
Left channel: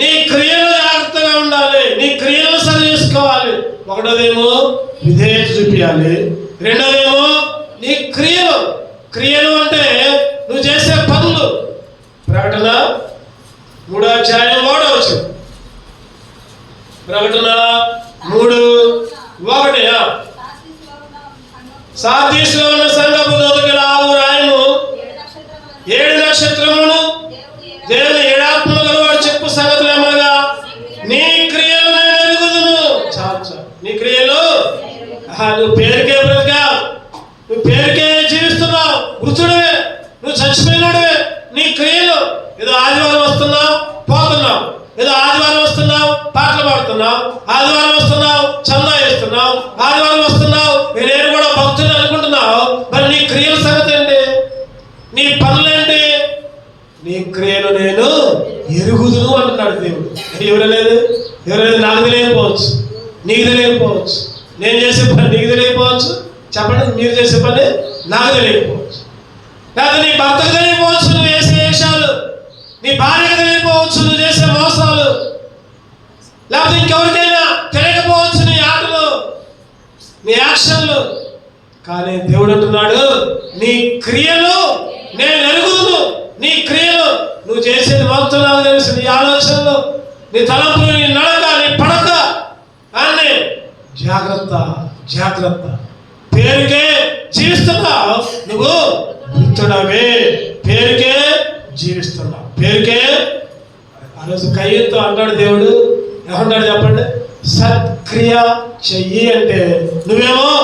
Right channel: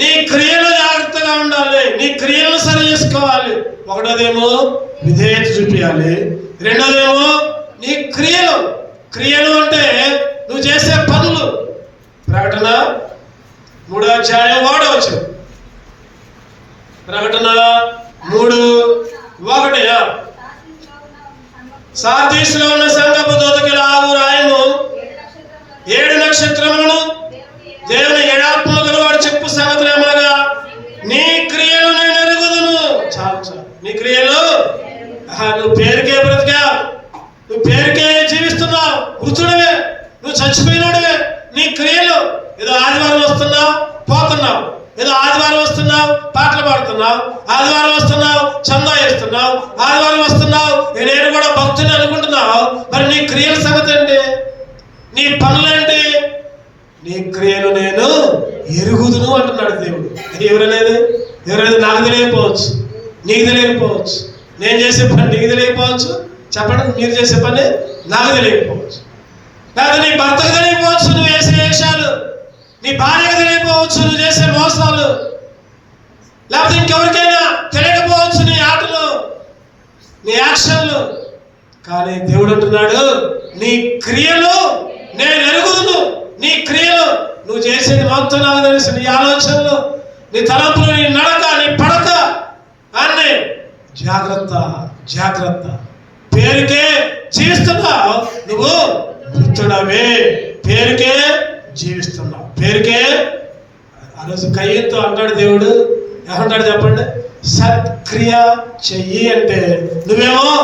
నీ క్రియలు జాగ్రత్తగా ఉండాలి. నీ క్రియలు సరి చేసుకోవాలి. ఒకటోదేమో విధేయత చూపించాలి. రెండోదేమో నీ క్రియలు అంటే నువ్వు చేసే పనులు. ప్రకటన 3వ అధ్యాయం 1వ వచనం. ప్రకటన 3:1. సార్దీసులో ఉన్న సంఘపు దూతకి ఇలాగు రాయము. 7 నక్షత్రములను దేవుని 7 ఆత్మలు గలవాడు చెప్పు సంగతులు ఏమనగా, నీ క్రియలు నేను ఎరుగుదును. చాలు. నీ క్రియలు నువ్వు పేరుకే బ్రతికా, నువ్వు పేరుకే జీవిస్తున్నావు, మృతుడివే, నువ్వు చచ్చిపోయినాడువే. నీ క్రియలు ఏదో ఆదివారం వస్తున్నావు పోతున్నావు, ఏదో ఆదివారం వస్తున్నావు పాటలు పాడుతున్నావు, ఆదివారం వస్తున్నావు చందా వేస్తున్నావు, ఆదివారం వస్తున్నావు నేను కూడా భక్తుని అనుకుంటున్నావు. మరి నీ క్రియల సంగతి ఏంటి? నీ పనులేంటి? నీ క్రియలు నేను ఎరుగుదును అంటున్నాడు దేవుడు. ఎవరలేదు నాకు తెలియకపోవచ్చు, నీకు తెలియకపోవచ్చు. నేను చేసే పని నీకు తెలియకపోవచ్చు. చెప్పండి. మీరు చేసే పని నాకు తెలియకపోవచ్చు. లేదా నీ భర్తకు తెలియకపోవచ్చు నువ్వు చేసే వేషాలు, నీ భార్యకు తెలియకపోవచ్చు నువ్వు చేసే మోసాలు, లేకపోతే ఇంకెవరికైనా తెలియకపోవచ్చు నీ ఆటలు, నీ యాక్షన్లు. కానీ దేవుడు అంటున్నాడు నీ క్రియలు నేను ఎరుగుదును. నీ క్రియలు నువ్వు చేసేది మొత్తం నాకు తెలుసు. నీ ఆలోచనలు, నీ తలంపులు, నీ నడక, నీ పడక అన్నీ జాగ్రత్త. పేరుకే జీవిస్తున్నావు నువ్వు, వృద్ధుడవే. పేరుకే జీవిస్తున్నావు, పేరుకే. ఆ రోజు కయ్యతో అంటాడు దేవుడు, ఏమంటాడు చెప్పండి? సత్క్రియ చెయ్యి అంటే నువ్వేమో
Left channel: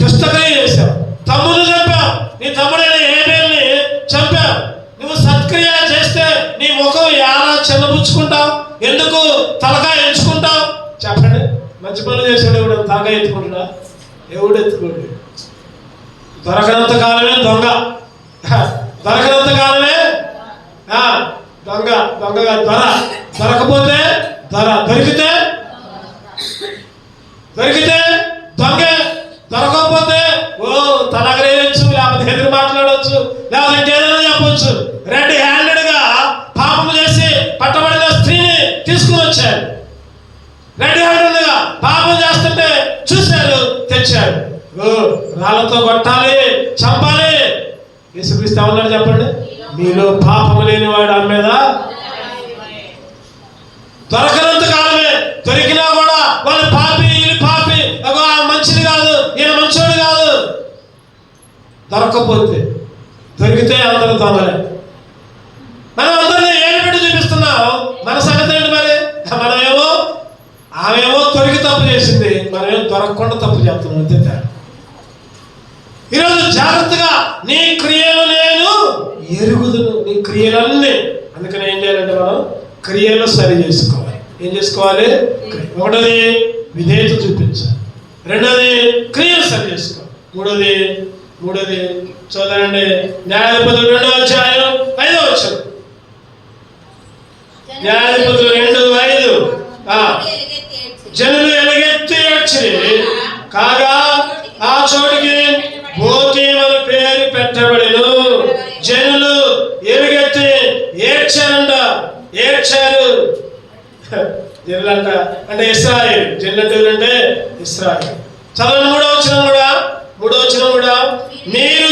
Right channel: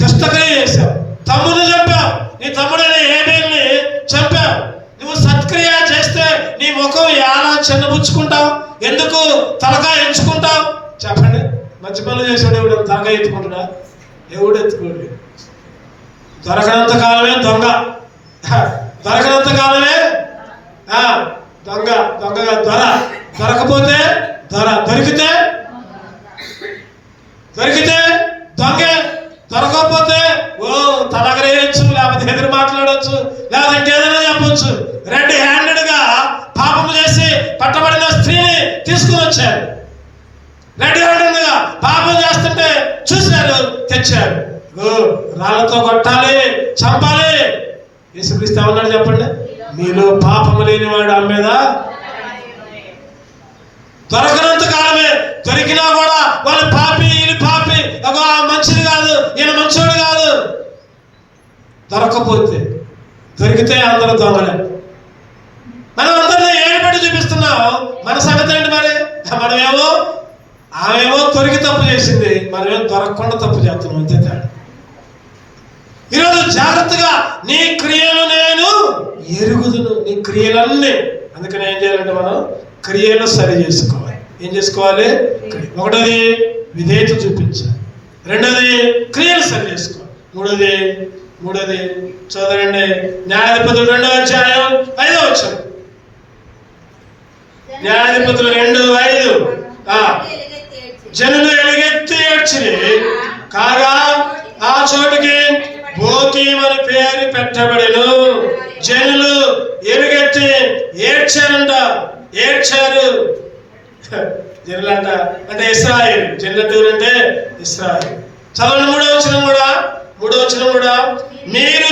దుష్టక్రియ చేశావు, తమ్ముడు చంపావు, నీ తమ్ముడైన ఏబేల్ని చంపావు. నువ్వు సత్క్రియ చేస్తే నీ ముఖం ఎలా చిన్నబుచ్చుకుంటావు? ఎందుకు తలకాయ ఎంచుకుంటావు? చెప్పండి. మంచి పనులు చేసాడు ఎవడు తలకాయ ఎత్తుకుంటున్నా? ఎవడు ఎత్తుకోండి. దొరకనంత కాలమే దొంగ, దొరకనంత కాలమే దొంగగా దొరకపోతే దొరికితే దొంగ, దొరకకపోతే తలగరేయచ్చు, లేకపోతే ఎదురు మాట్లాడవచ్చు, లేకపోతే ఇంకేదైనా చెప్పవచ్చు. రెడ్ హ్యాండెడ్గా పాపం చేసి పట్టబడిన స్త్రీని తీసుకుని వచ్చారు. రెడ్ హ్యాండెడ్గా పాపం చేస్తుంటే చూశారు, తెచ్చారు. రాళ్ళతో కొట్టాలి, చంపాలి. యేసుక్రీస్తు ఏమన్నాడు చెప్పండి? మీలో పాపం లేని వాడు అమ్మేదా? దొరకనంత కాలమే. దొరికినా కూడా వాళ్ళు పాపి, వీళ్ళు పాపి, మంచిది కాదు, ఈయన మంచోడు కాదు. దొరికితే అందరూ దొంగలే. మనం అందరినీ ఏడుపెట్టి చూపిస్తున్నాం. మన సంగతి ఏంటి మరి? ఆమెమో దొరికి తప్పు చేసింది, మనమేమో దొరకకుండా తప్పు చేస్తున్నాం. అంతే తేడా. ఈరోజు జాగ్రత్తగా నీ క్రియలు నేను ఎరుగుదును. నీ క్రియలన్నీ. అందుకని ఏం చేయాలంటే మనం క్రియలు సరి చేసుకోవాలి. ఏం చేసుకోవాలి? ఒకటోది విధేయత చూపించాలి, రెండోది క్రియలు సరి చేసుకోవాలి, మూడోది చదవండి. న్యాయాధిపతులు 2వ అధ్యాయం 5వ వచనం. న్యాయాధిపతులు 2:5. జనులు ఎలుగెత్తి ఏడ్చిరి, కాగా ఆ చోటుకి భోకీమని పేరు పెట్టబడెను. జనులు ఎలుగెత్తి ఏడ్చారు. జనులంట అంటే ఇశ్రాయేలు. జనులు అంటే ఇశ్రాయేలు. చదవండి 3వ వచనం కూడా. మీరు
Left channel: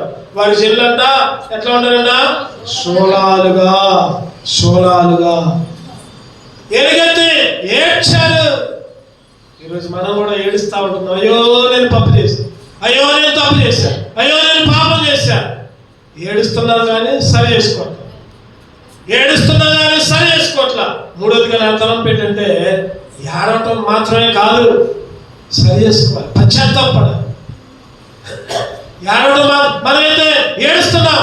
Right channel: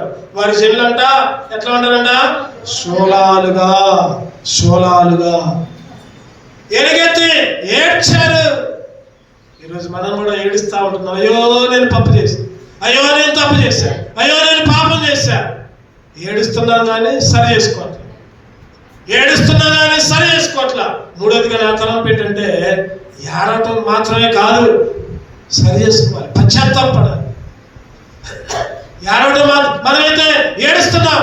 ఉంటారు. వారి చెవులంట ఎట్లా ఉంటారంట? శూలాలుగా ఎలుగెత్తి ఏడ్చారు. ఈరోజు మనం కూడా ఏడుస్తూ ఉంటున్నాం. అయ్యో నేను తప్పు చేశాను, అయ్యో నేను తప్పు చేశాను, అయ్యో నేను పాపం చేశాను. ఏడుస్తున్నాను కానీ సరి చేసుకోవట్లా. మూడోదిగా నా తలం పెట్టంటే ఏడవటం మాత్రమే కాదు, సరి చేసుకోవాలి, పశ్చాత్తాపడాలి. ఏడవడం మనమైతే ఏడుస్తున్నాం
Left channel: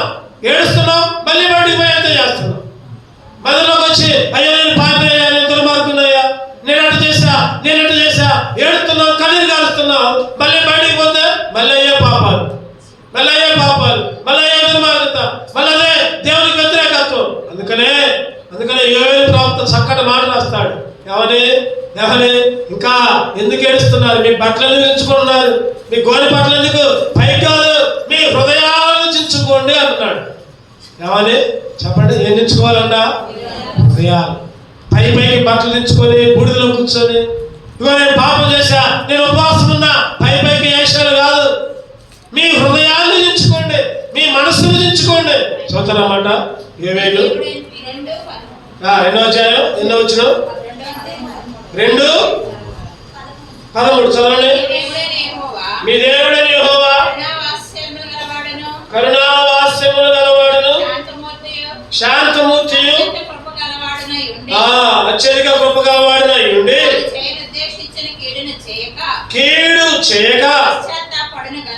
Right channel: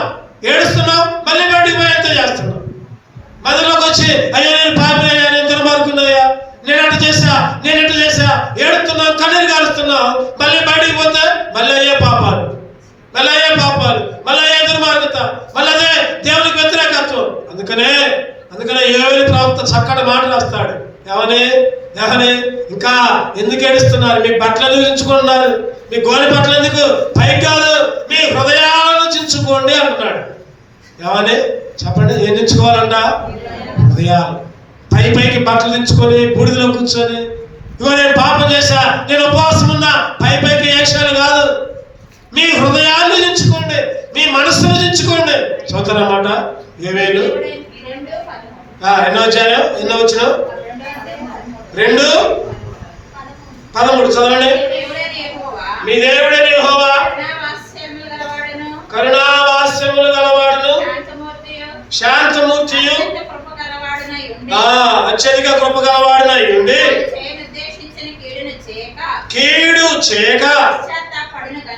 మళ్ళీ బయటికి పోయి ఎంత చేస్తున్నాం. మధ్యలోకి వచ్చి అయ్యో నేను పాపి అయ్యా, నేను దుర్మార్గున్నాయా, నేను అటు చేశా ఏడుస్తున్నాం, కన్నీరు కాలుస్తున్నాం. మళ్ళీ బయటికి పోతే మళ్ళీ అయ్యే పాపాలు, మళ్ళీ అయ్యే దుర్మార్గత, మళ్ళీ అదే దేవునికి వ్యతిరేకత్వం. అందుకనే యోవేలు ప్రవక్త చక్కటి మాట రాస్తాడు. ఏమని ఇంకా ఎందుకు ఏడుస్తున్నారు? మీ బట్టలు ఎందుకు చించుకుంటున్నారు? మీ గోనె బట్టలు ఎందుకు పైకి కాదు, మీ హృదయాలను చించుకోండి అంటున్నాడు. ఏమని చెప్పండి? ఏం చించుకోవాలంట? హృదయాలు. పైకి బట్టలు దించుకొని బూడిదలో కూర్చొని ఇగో నేను పాపం చేశా, నేను ఉపవాసం ఉన్నా, పైకి వేషాలు కాదు, మీ హృదయాన్ని దించుకోండి, మీ మనస్సును దించుకోండి. చూస్తారన్నమాట. యోవేలు ఎన్నో అధ్యాయం, ఎన్నో వచ్చిన 2:13 చదవండి. మీ దేవుడైన యెహోవా కరుణావాస్యములు గలవాడును, శాంతమూర్తియు, అత్యధిక కృప గలవాడునై ఉండి కీడు చేయక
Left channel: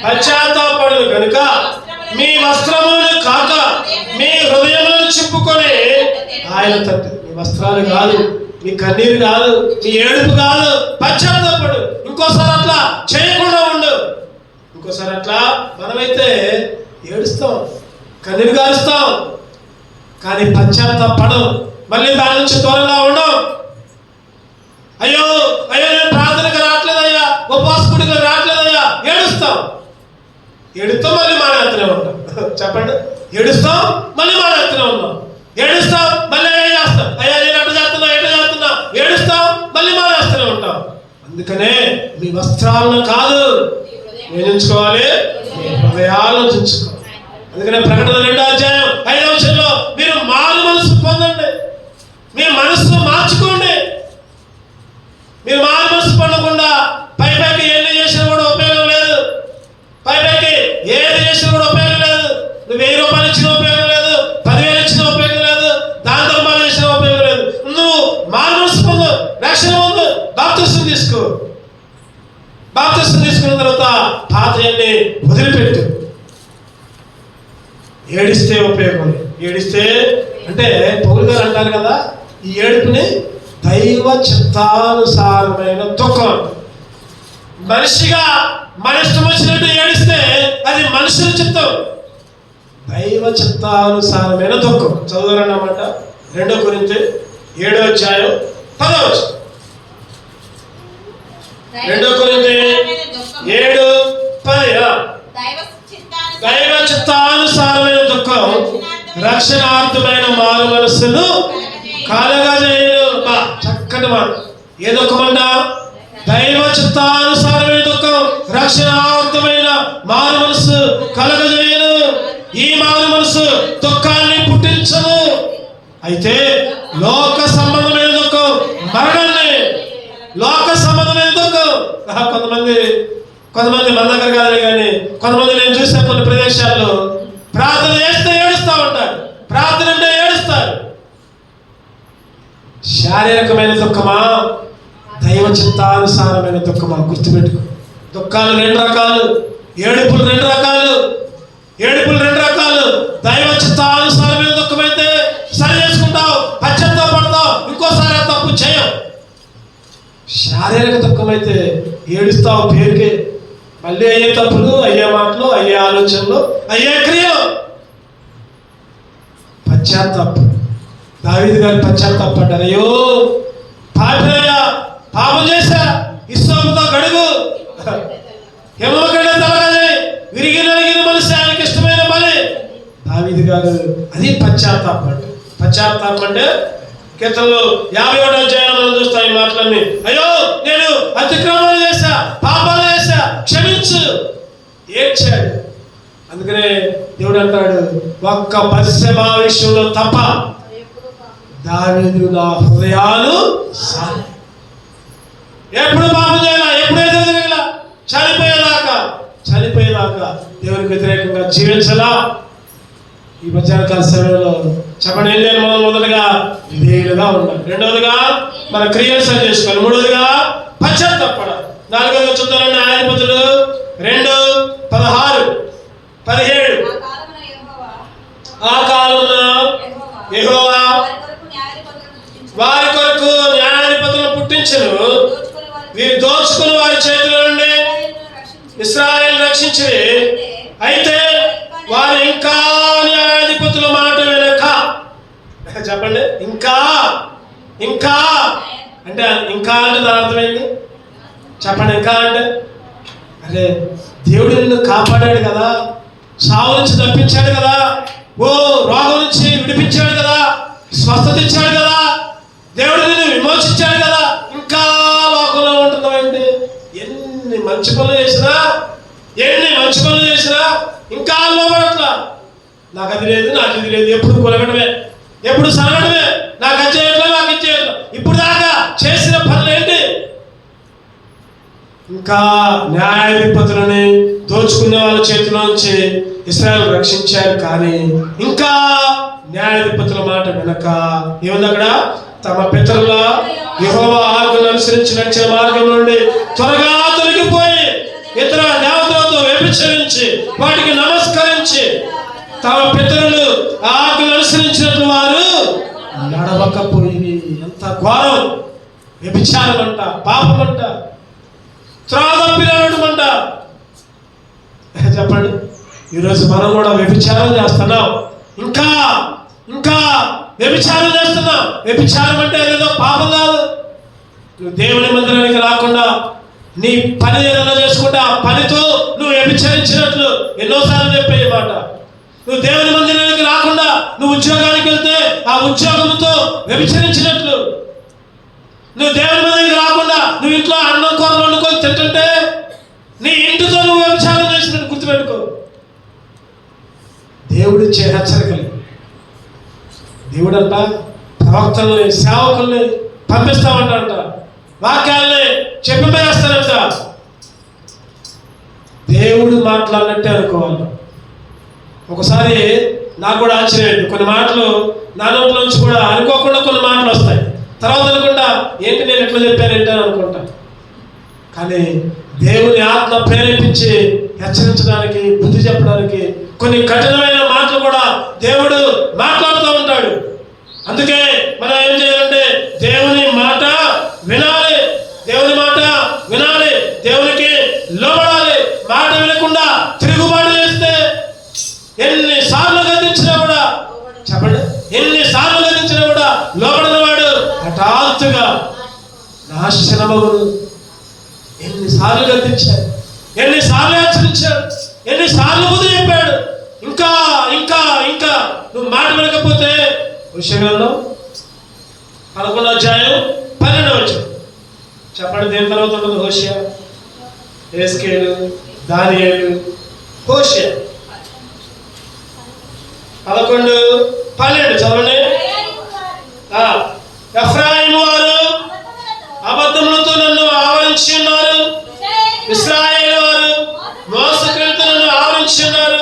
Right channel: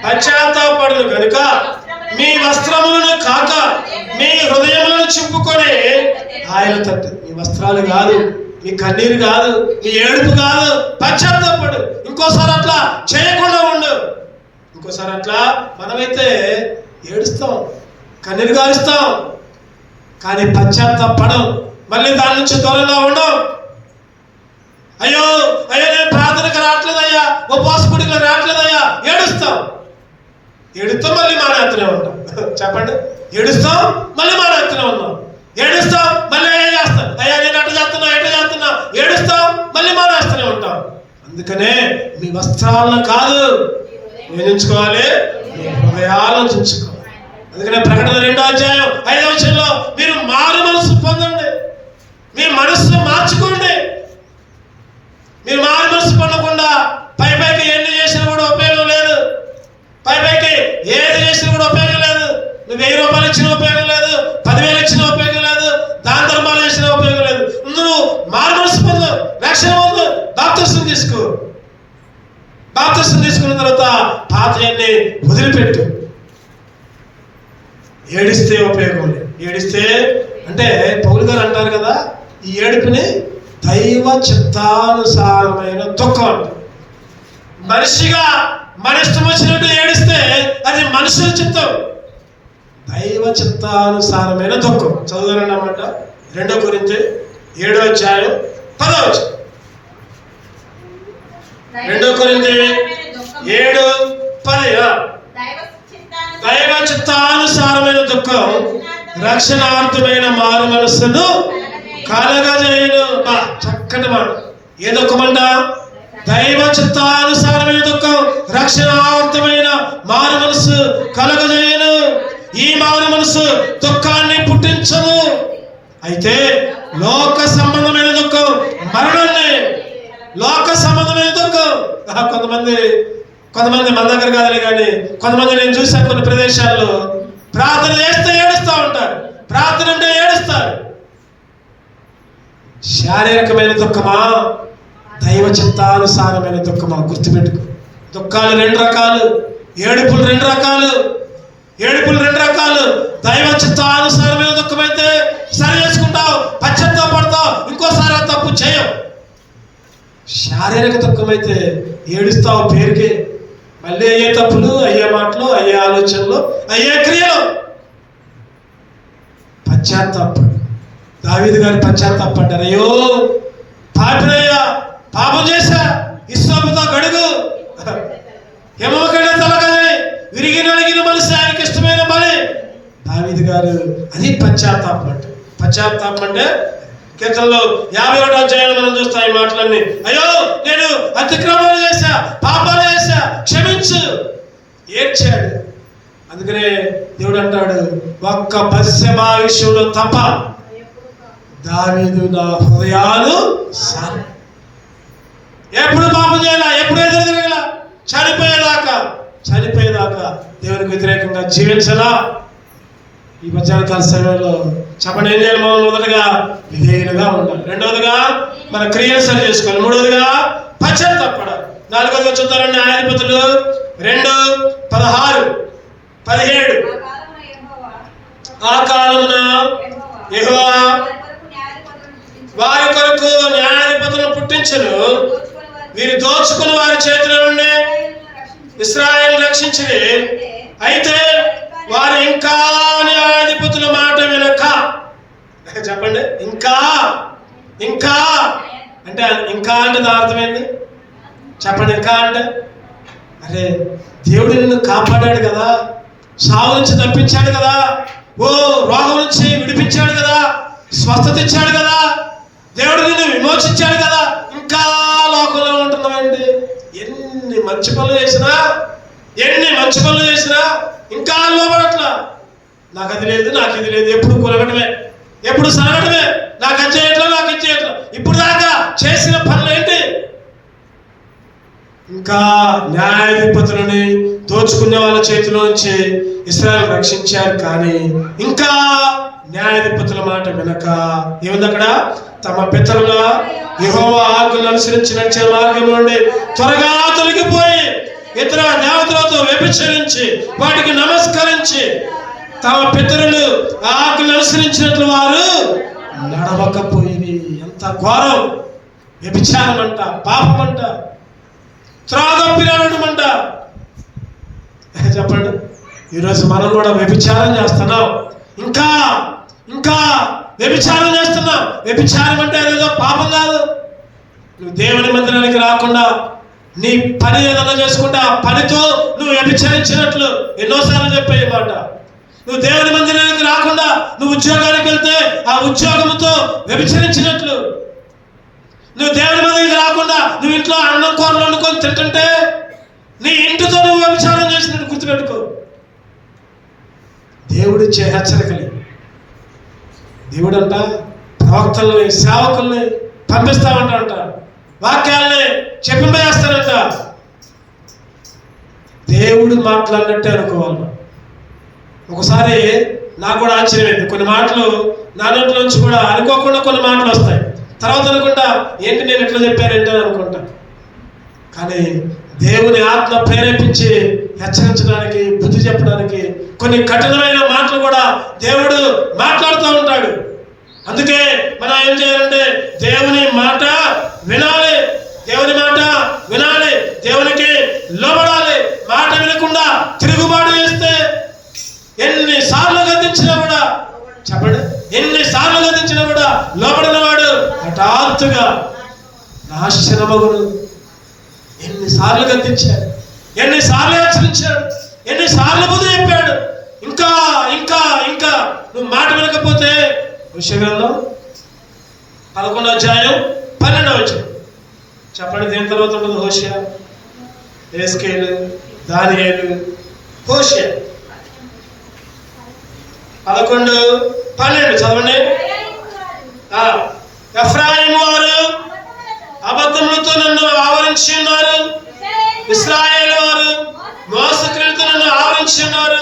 పశ్చాత్తాపడును గనుక మీ వస్త్రములను కాక మీ హృదయములను చింపుకొని ఆయన తట్టు. మీ వస్త్రాలు కాదు, మీ కన్నీరు కాదు, మీ ఏడుపు కాదు, పశ్చాత్తాపడు. ఇంకోసారి అట్లా చేయకుండా ఉండు. ఇంకోసారి అట్లా మనమైతే ఏడుస్తాం, కన్నీరు కాలుస్తాం, కానీ పశ్చాత్తాపడం. మళ్ళీ దాని నుంచి దూరంగా ఉండం. అయ్యో నేను ప్రార్థనకు రావట్లేదయ్యా, ఉపవాసకుడిగా రావట్లేదయ్యా, ఏడుస్తాం మళ్ళీ మానేస్తూనే ఉంటాం. చెప్పండి, ఏడుస్తాం మళ్ళీ మానేస్తూనే ఉన్నాం. ఏడుస్తాం మళ్ళీ ఏం చేస్తాం? అయ్యా నేను ఎట్లా చేస్తున్నా ఏడుస్తాం మళ్ళీ మానేస్తూనే ఉంటాం. అందుకనే మీ వస్త్రాలను కాదు వేయించుకోవాలి, హృదయాలను చించుకోవాలి. అందుకనే ప్రకటన 2వ అధ్యాయం 5వ వచనంలో మీరు మారు మనసు పొందండి, మీ మనస్సును మార్చుకోండి. మీరు మారు మనసు పొందకుండా పైకి ఎన్ని చేసినా కూడా ఉపయోగం లేదు, పైకి ఏది చేసినా కూడా ఉపయోగం లేదు. నువ్వు 1000 రూపాయలు ఇచ్చినా ఉపయోగం లేదు, 10,000 ఇచ్చినా ఉపయోగం లేదు, దాన ధర్మాలు ఇచ్చినా ఉపయోగం లేదు. నువ్వు మారు మనసు పొందు, రక్షణ పొందు, బాప్తిసం తీసుకో. బాప్తిసం తీసుకున్న తర్వాత పాతయన్ని వదిలిపెట్టు. ఏడిస్తే ఉపయోగం లేదు. ఏడిస్తే అంటే పౌలు గారు అంటారు కదా, ఈ ఏడుపుని దైవ చిత్తానుసారమైన దుఃఖం. మనిషిగా మన ఇష్టం వచ్చినట్టు ఏడిస్తే అది మనుషుల చిత్తం. దైవ చిత్తానుసారమైన దుఃఖం. చదువురండి అన్నమాట. 2 కొరింథీ 7వ అధ్యాయం 10వ వచనం. 2 కొరింథీ 7:10. దైవ చిత్తానుసారమైన దుఃఖం రక్షణార్థమైన మారు మనస్సును కలగజేయును. చక్కటి మాట. ఏ దుఃఖమంట? దైవ చిత్తానుసారమైన దుఃఖం రక్షణార్థమైన మారు మనస్సు కలగజేయును. ఈ మారు మనస్సు దుఃఖాన్ని పుట్టించదు. అయితే లోక సంబంధమైన దుఃఖం మరణాన్ని, లోక సంబంధమైన దుఃఖం. కొంతమంది మన దగ్గర కాదు కానీ కొంతమంది నేను చూసాను కొన్ని ప్రదేశాల్లో ప్రార్థన చేస్తే ఏడుస్తూ ఉంటారు, ప్రార్థన అంటే ఏడుస్తారు. శారీరకమైన దుఃఖమా, దైవ చిత్తానుసారమైన దుఃఖమా? గుర్తుపెట్టుకో. దుఃఖాలు 2 రకాలు, ఏడుపులు 2 రకాలు. దైవ చిత్తానుసారమైన దుఃఖం అయితే సరి చేసుకుంటావు, పశ్చాత్తాపడతావు, ఇంకోసారి తప్పు చేయవు. శారీరక దుఃఖం అయితే ఏడుస్తావు పేరుకే. మళ్ళీ అయ్యే తప్పులు, అయ్యే మాటలు, అయ్యే ఆలోచనలు, అయ్యే క్రియలు. పశ్చాత్తాపం. దావీదు గారు పశ్చాత్తాపడ్డారు. అయ్యో పాపినయ్యా, పాపం చేశా, ఇస్సాముతో గడుగు, ఎమ్మకడే తలగని విరిగి నలిగిన మనిషి ఆయనకి ఇష్టమైన బలి. దావీదు గారు అది పశ్చాత్తాపం అంటే కీర్తనలో 51వ అధ్యాయంలో మనం చూస్తాం ఈ మాటలన్నీ. అయ్యో నేను అతిక్రమణ చేశా, పాపాలు చేశా, క్షమించు. ఏడ్చాడు. అందుకనే దేవుడు అంటాడు, ఒక్క బత్షెబ విషయంలో తప్ప దావీదు నా హృదయాలు ఎప్పుడు పాపం చేయాల, ఎప్పుడు ఎదురుగల, చనిపోయేదాకా దేవునికి వ్యతిరేకంగా జీవించాలా. ఈ మధ్యాహ్నకాల సమయంలో చెప్పండి, ఏం చేయాలి? మనం మొదటగా విధేయులుగా ఉండాలి, రెండవదిగా మన క్రియలు సరి చేసుకోవాలి, మూడవదిగా పశ్చాత్తాపడాలి, నాలుగవదిగా చూద్దామండి న్యాయాధిపతులు 2:16-17. ఆ కాలంలో యెహోవా వారి కొరకు న్యాయాధిపతులను పుట్టించెను, వీరు దోచుకుని వారి చేతిలో నుండి ఇశ్రాయేలు రక్షించిరి. అయితే వారు ఇంకా న్యాయాధిపతుల మాట వినక, చెప్పండి, ఇంకా అంటే దాని అర్థం ఏంటి చెప్పండి? ఇంకా అంటే అరే దేవుడు నిన్ను కాపాడాడు కదా, సావు నుంచి తప్పించాడు కదా, రోగం నుంచి విడిపించాడు కదా, స్వస్థత ఇచ్చాడు కదా, దేవుడు నిన్ను విమోచించాడు కదా, ఇంకా లోకంలో ఉంటున్నావండి. ఎన్ని మంచి పనులు చేసినా ఇంకా లోపడట్లా. నాకు అది లేదు, నాకు ఇది లేదు, ఎప్పుడు కొలగడమే, ఎప్పుడు సరగడమే, నాకు అది చేయట్లా, నాకు ఇది చేయట్లా. ఇప్పుడు దాకా చేసిన పనులు ఏంటి? ఇంకా న్యాయాధిపతులని దోచుకున్న వాళ్ళ చేతిలో నుంచి ఇశ్రాయేలు రక్షించారు, కానీ ఇంకా న్యాయాధిపతుల మాట వినక ఏముంది అక్కడ? తమ పితరుల యెహోవా ఆజ్ఞను అనుసరించి నడిచే మార్గం నుండి త్వరగా తొలగిపోయి ఇతర దేవతలతో వ్యభిచరించి వాటికి నమస్కరించి తమ పితరులు ఆజ్ఞను అనుసరించినట్లు వారు నడవకపోయి. ఎంత ఘోరం! వ్యభిచారం అంట, పాపం అంట, త్రాగపిరాడమంట. చెప్పండి, ఈరోజు మనం కూడా వ్యభిచారం చేస్తున్నాం, ఇంకా వ్యభిచారం చేస్తున్నాం. వ్యభిచారం అంటే అదేదో పాపం కాదు. నువ్వు దేవుని మందిరానికి రాకుండా నీ పని ఏదైనా చేసుకుంటే ఆ పనితో నువ్వు వ్యభిచరించినట్లు. ఎన్నోసార్లు చెప్పే మాట. నువ్వు దేవుని మందిరానికి రాకుండా నువ్వు ఉద్యోగానికి వెళ్తే ఆ ఉద్యోగంతో వ్యభిచరించినట్లు. నువ్వు దేవుని మందిరానికి రాకుండా నువ్వు ఇంట్లో అన్నం కూరలు వండుకొని తింటుంటే నీ ఇంటితో నువ్వు వ్యభిచారం చేసినట్టు గుర్తుపెట్టుకో. దేవుడిచ్చే హెచ్చరికలు. దేవుడంట ప్రవక్తల్ని, సేవకుల్ని పంపిస్తామంట, వాక్యాల్ని చెప్పిపోయేస్తానంట. దేవుడు మాట్లాడినట్టే అనుకోవాలి. ఒకసారి నాకు కూడా ఆశ్చర్యమైంది. కొన్ని మాటలు నా నోట్ల నుంచి కూడా అనుకోకుండా కొన్ని మాటలు వస్తాయి. తర్వాత అనుకుంటా, ఏంటి నేను ఎట్లా చెప్పానంటే అనుకుంటా. కానీ దేవుని ఆత్మ ప్రేరేపించి హెచ్చరించడానికి, బుద్ధి చెప్పడానికి కొన్ని కఠినమైన మాటలు కూడా దేవుడు మాట్లాడుతూ ఉంటాడు. అందుకే మనం ఏం చేయాలంటే దేవుని మాట వినాలి, దేవునికి లోబడాలి. మాట వినకుండా తిరుగుబాటు చేస్తే ఎన్నిసార్లు గద్దించినా కూడా, చెప్పండి, ఎన్నిసార్లు గద్దించినా కూడా లోబడిన వాడు హఠాత్తుగా నాశనమగును. ఎన్నిసార్లు గద్దించాడు, ఎన్నిసార్లు హెచ్చరించాడు, ఎన్నిసార్లు బుద్ధి చెప్పాడు. ఇంకా నువ్వు మాట వినకపోతే విషయంలో 11:12 చెప్పండి, దేని తర్వాత ఉంటుంది? హోషేయ, యేస్కేలు, దానియేలు, హోషేయ. 11:12 చదవండి. ఎఫ్రాయిము వారు అబద్ధములతో నన్ను ఆవరించి ఉన్నారు, ఇశ్రాయేలు వారు మోసక్రియలతో నన్ను ఆవరించి ఉన్నారు.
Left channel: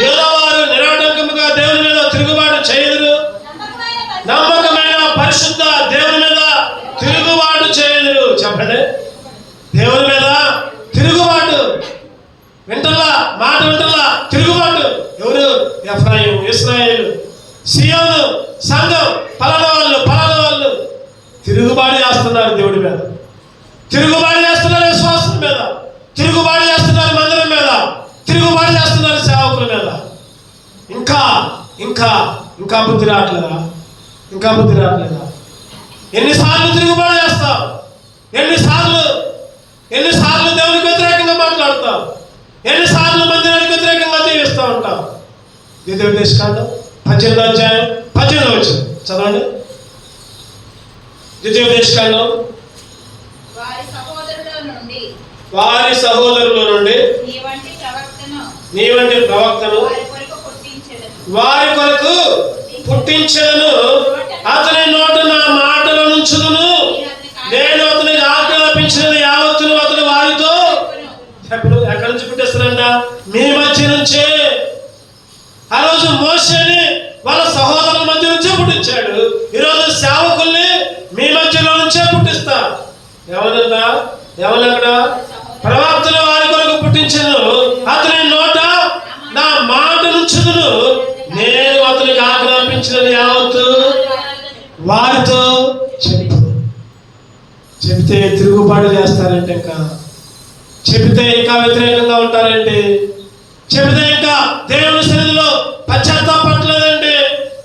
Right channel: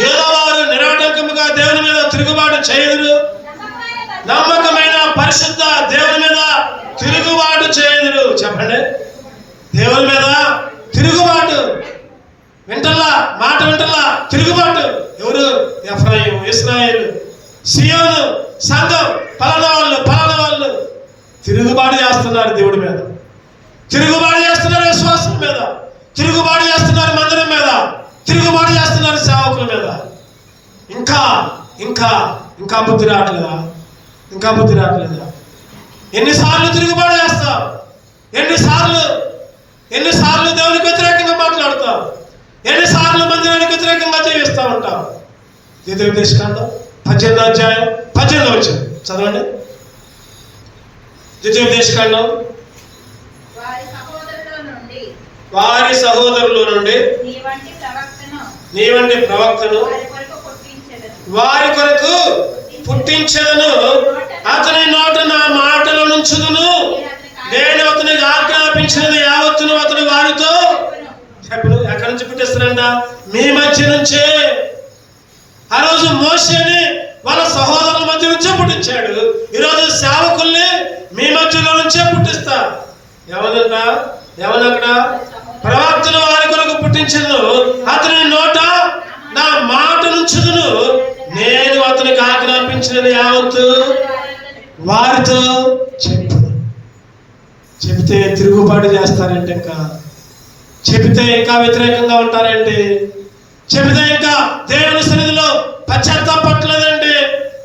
యూదా వారు నిరాటంకముగా దేవుని మీద తిరుగుబాటు చేయదురు, నమ్మకమైన పరిశుద్ధ దేవుని మీద తిరుగుబాటు చేయదురు. చెప్పండి, దేవుని మీద తిరుగుబాటు. మాట వింటల్లా తిరుగుబాటు. ఎవరు? ఎఫ్రాయిము, ఇశ్రాయేలు, సియోను, సంఘం, పలానా వాళ్ళు తిరుగుబాటు చేస్తున్నారు దేవుడి మీద, తిరుగుబాటు చేస్తున్నారు విశ్వాసం మీద, తిరుగుబాటు చేస్తున్నారు మందిరం మీద, తిరుగుబాటు చేస్తున్నారు సేవకుల మీద. ఇంకా బుద్ధి రావట్లేదా? ఎన్నిసార్లు తిరుగుబాటు చేస్తావు? ఎన్నిసార్లు దేవునికి వ్యతిరేకంగా మాట్లాడతావు? ఎన్నిసార్లు మందిరానికి వ్యతిరేకంగా జీవిస్తూ ఉంటావు? ద్వితీయోపదేశకాండం 18 చదవండి. ద్వితీయోపదేశకాండం. వారి సహోదరుల నుండి నీ వంటి ప్రవక్తను వారి కొరకు పుట్టించను. అతని నోట నా మాటలు నుంచుదును. నేను అతనికి ఆజ్ఞాపించినది యావత్తును అతను వారితో చెప్పను. ఎక్కడి నుంచి పుట్టిస్తారంట? మీ మధ్య నుంచే. ఆ రోజు మోషేని వాళ్ళ సహోదరుల మధ్య నుంచే పుట్టించాడు. ఈరోజు సేవకుల్ని మీ మధ్యలో నుంచే పుట్టిస్తా. ఎవరంట? ఎవరక్కడ? ప్రవక్తలు వారి కొరకు పుట్టించను. అతని నోట నా మాట నుంచుదును. నేను అతనికి ఆజ్ఞాపించినది యావత్తు వారితో చెప్పు. చెబితే తిరుగుబాటు చేస్తారంటే, ఇంకా చెబితే ఇంకా వ్యతిరేకంగా ఉంటారండి. చెబితే ఇంకా దేవుని సన్నిధిలో పశ్చాత్తాపట్లేదండి,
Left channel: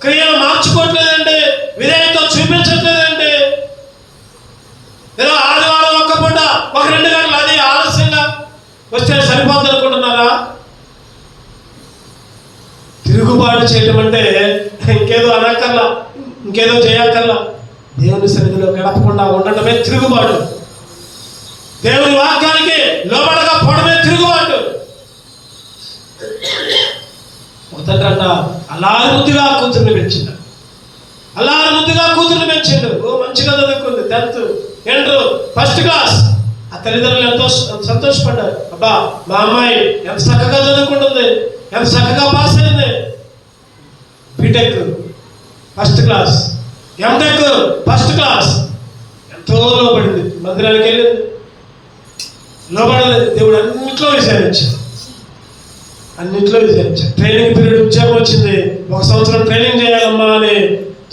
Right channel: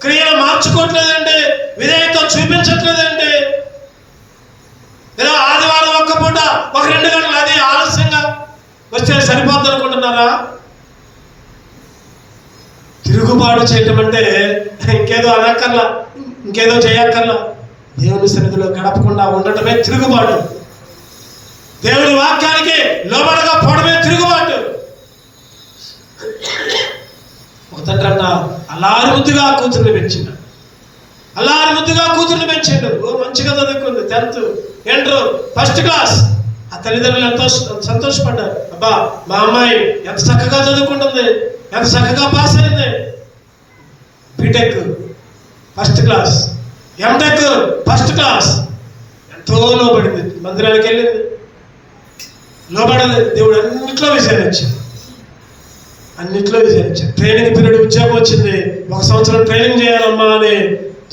క్రియలు మార్చుకోవట్లేదండి, విధేయత చూపించట్లేదండి. ఏదో ఆదివారం ఒక్క పూట ఒక 2 గంటలు అది ఆలస్యంగా వస్తే సరిపోద్ది అనుకుంటున్నారా? తిరుగుబాటు చేయడం అంటే ఇంకేదో అనక్కర్లా, ఇంకేదో చేయక్కర్లా. దేవుని సన్నిధిలో గడపకుండా ఉండటమే తిరుగుబాటు. దేవుని వాక్యానికి లోబడగా పోవడమే తిరుగుబాటు. ఒక తండ్రి అన్న అల్లారు ముద్దుగా కూతుర్ని పెంచిండు. అల్లారు ముద్దుగా కూతుర్ని పెంచిండు. మంచిగా చదువుకుంది, 10th, ఇంటర్, 1st క్లాస్. ఆ తల్లిదండ్రులు ఎంతో సంతోషపడ్డారు. అబ్బా మా అమ్మాయి ఎంత చక్కగా చదువుకుంటుంది, ఎంత చక్కగా పాస్ అయింది. BTech 1st class, MTech 1st class. ఎంతో లోబడింది, మందిరానికి వెళ్ళింది, లోబడలేదు. దేవుడు అన్నింటిలో విచారించాడు, అన్నింటిలో విచారించాడు. ట్రైనింగ్ పీరియడ్ ఉద్యోగం వచ్చింది. 1 సంవత్సరం ట్రైనింగ్ చేయాలమ్మా అని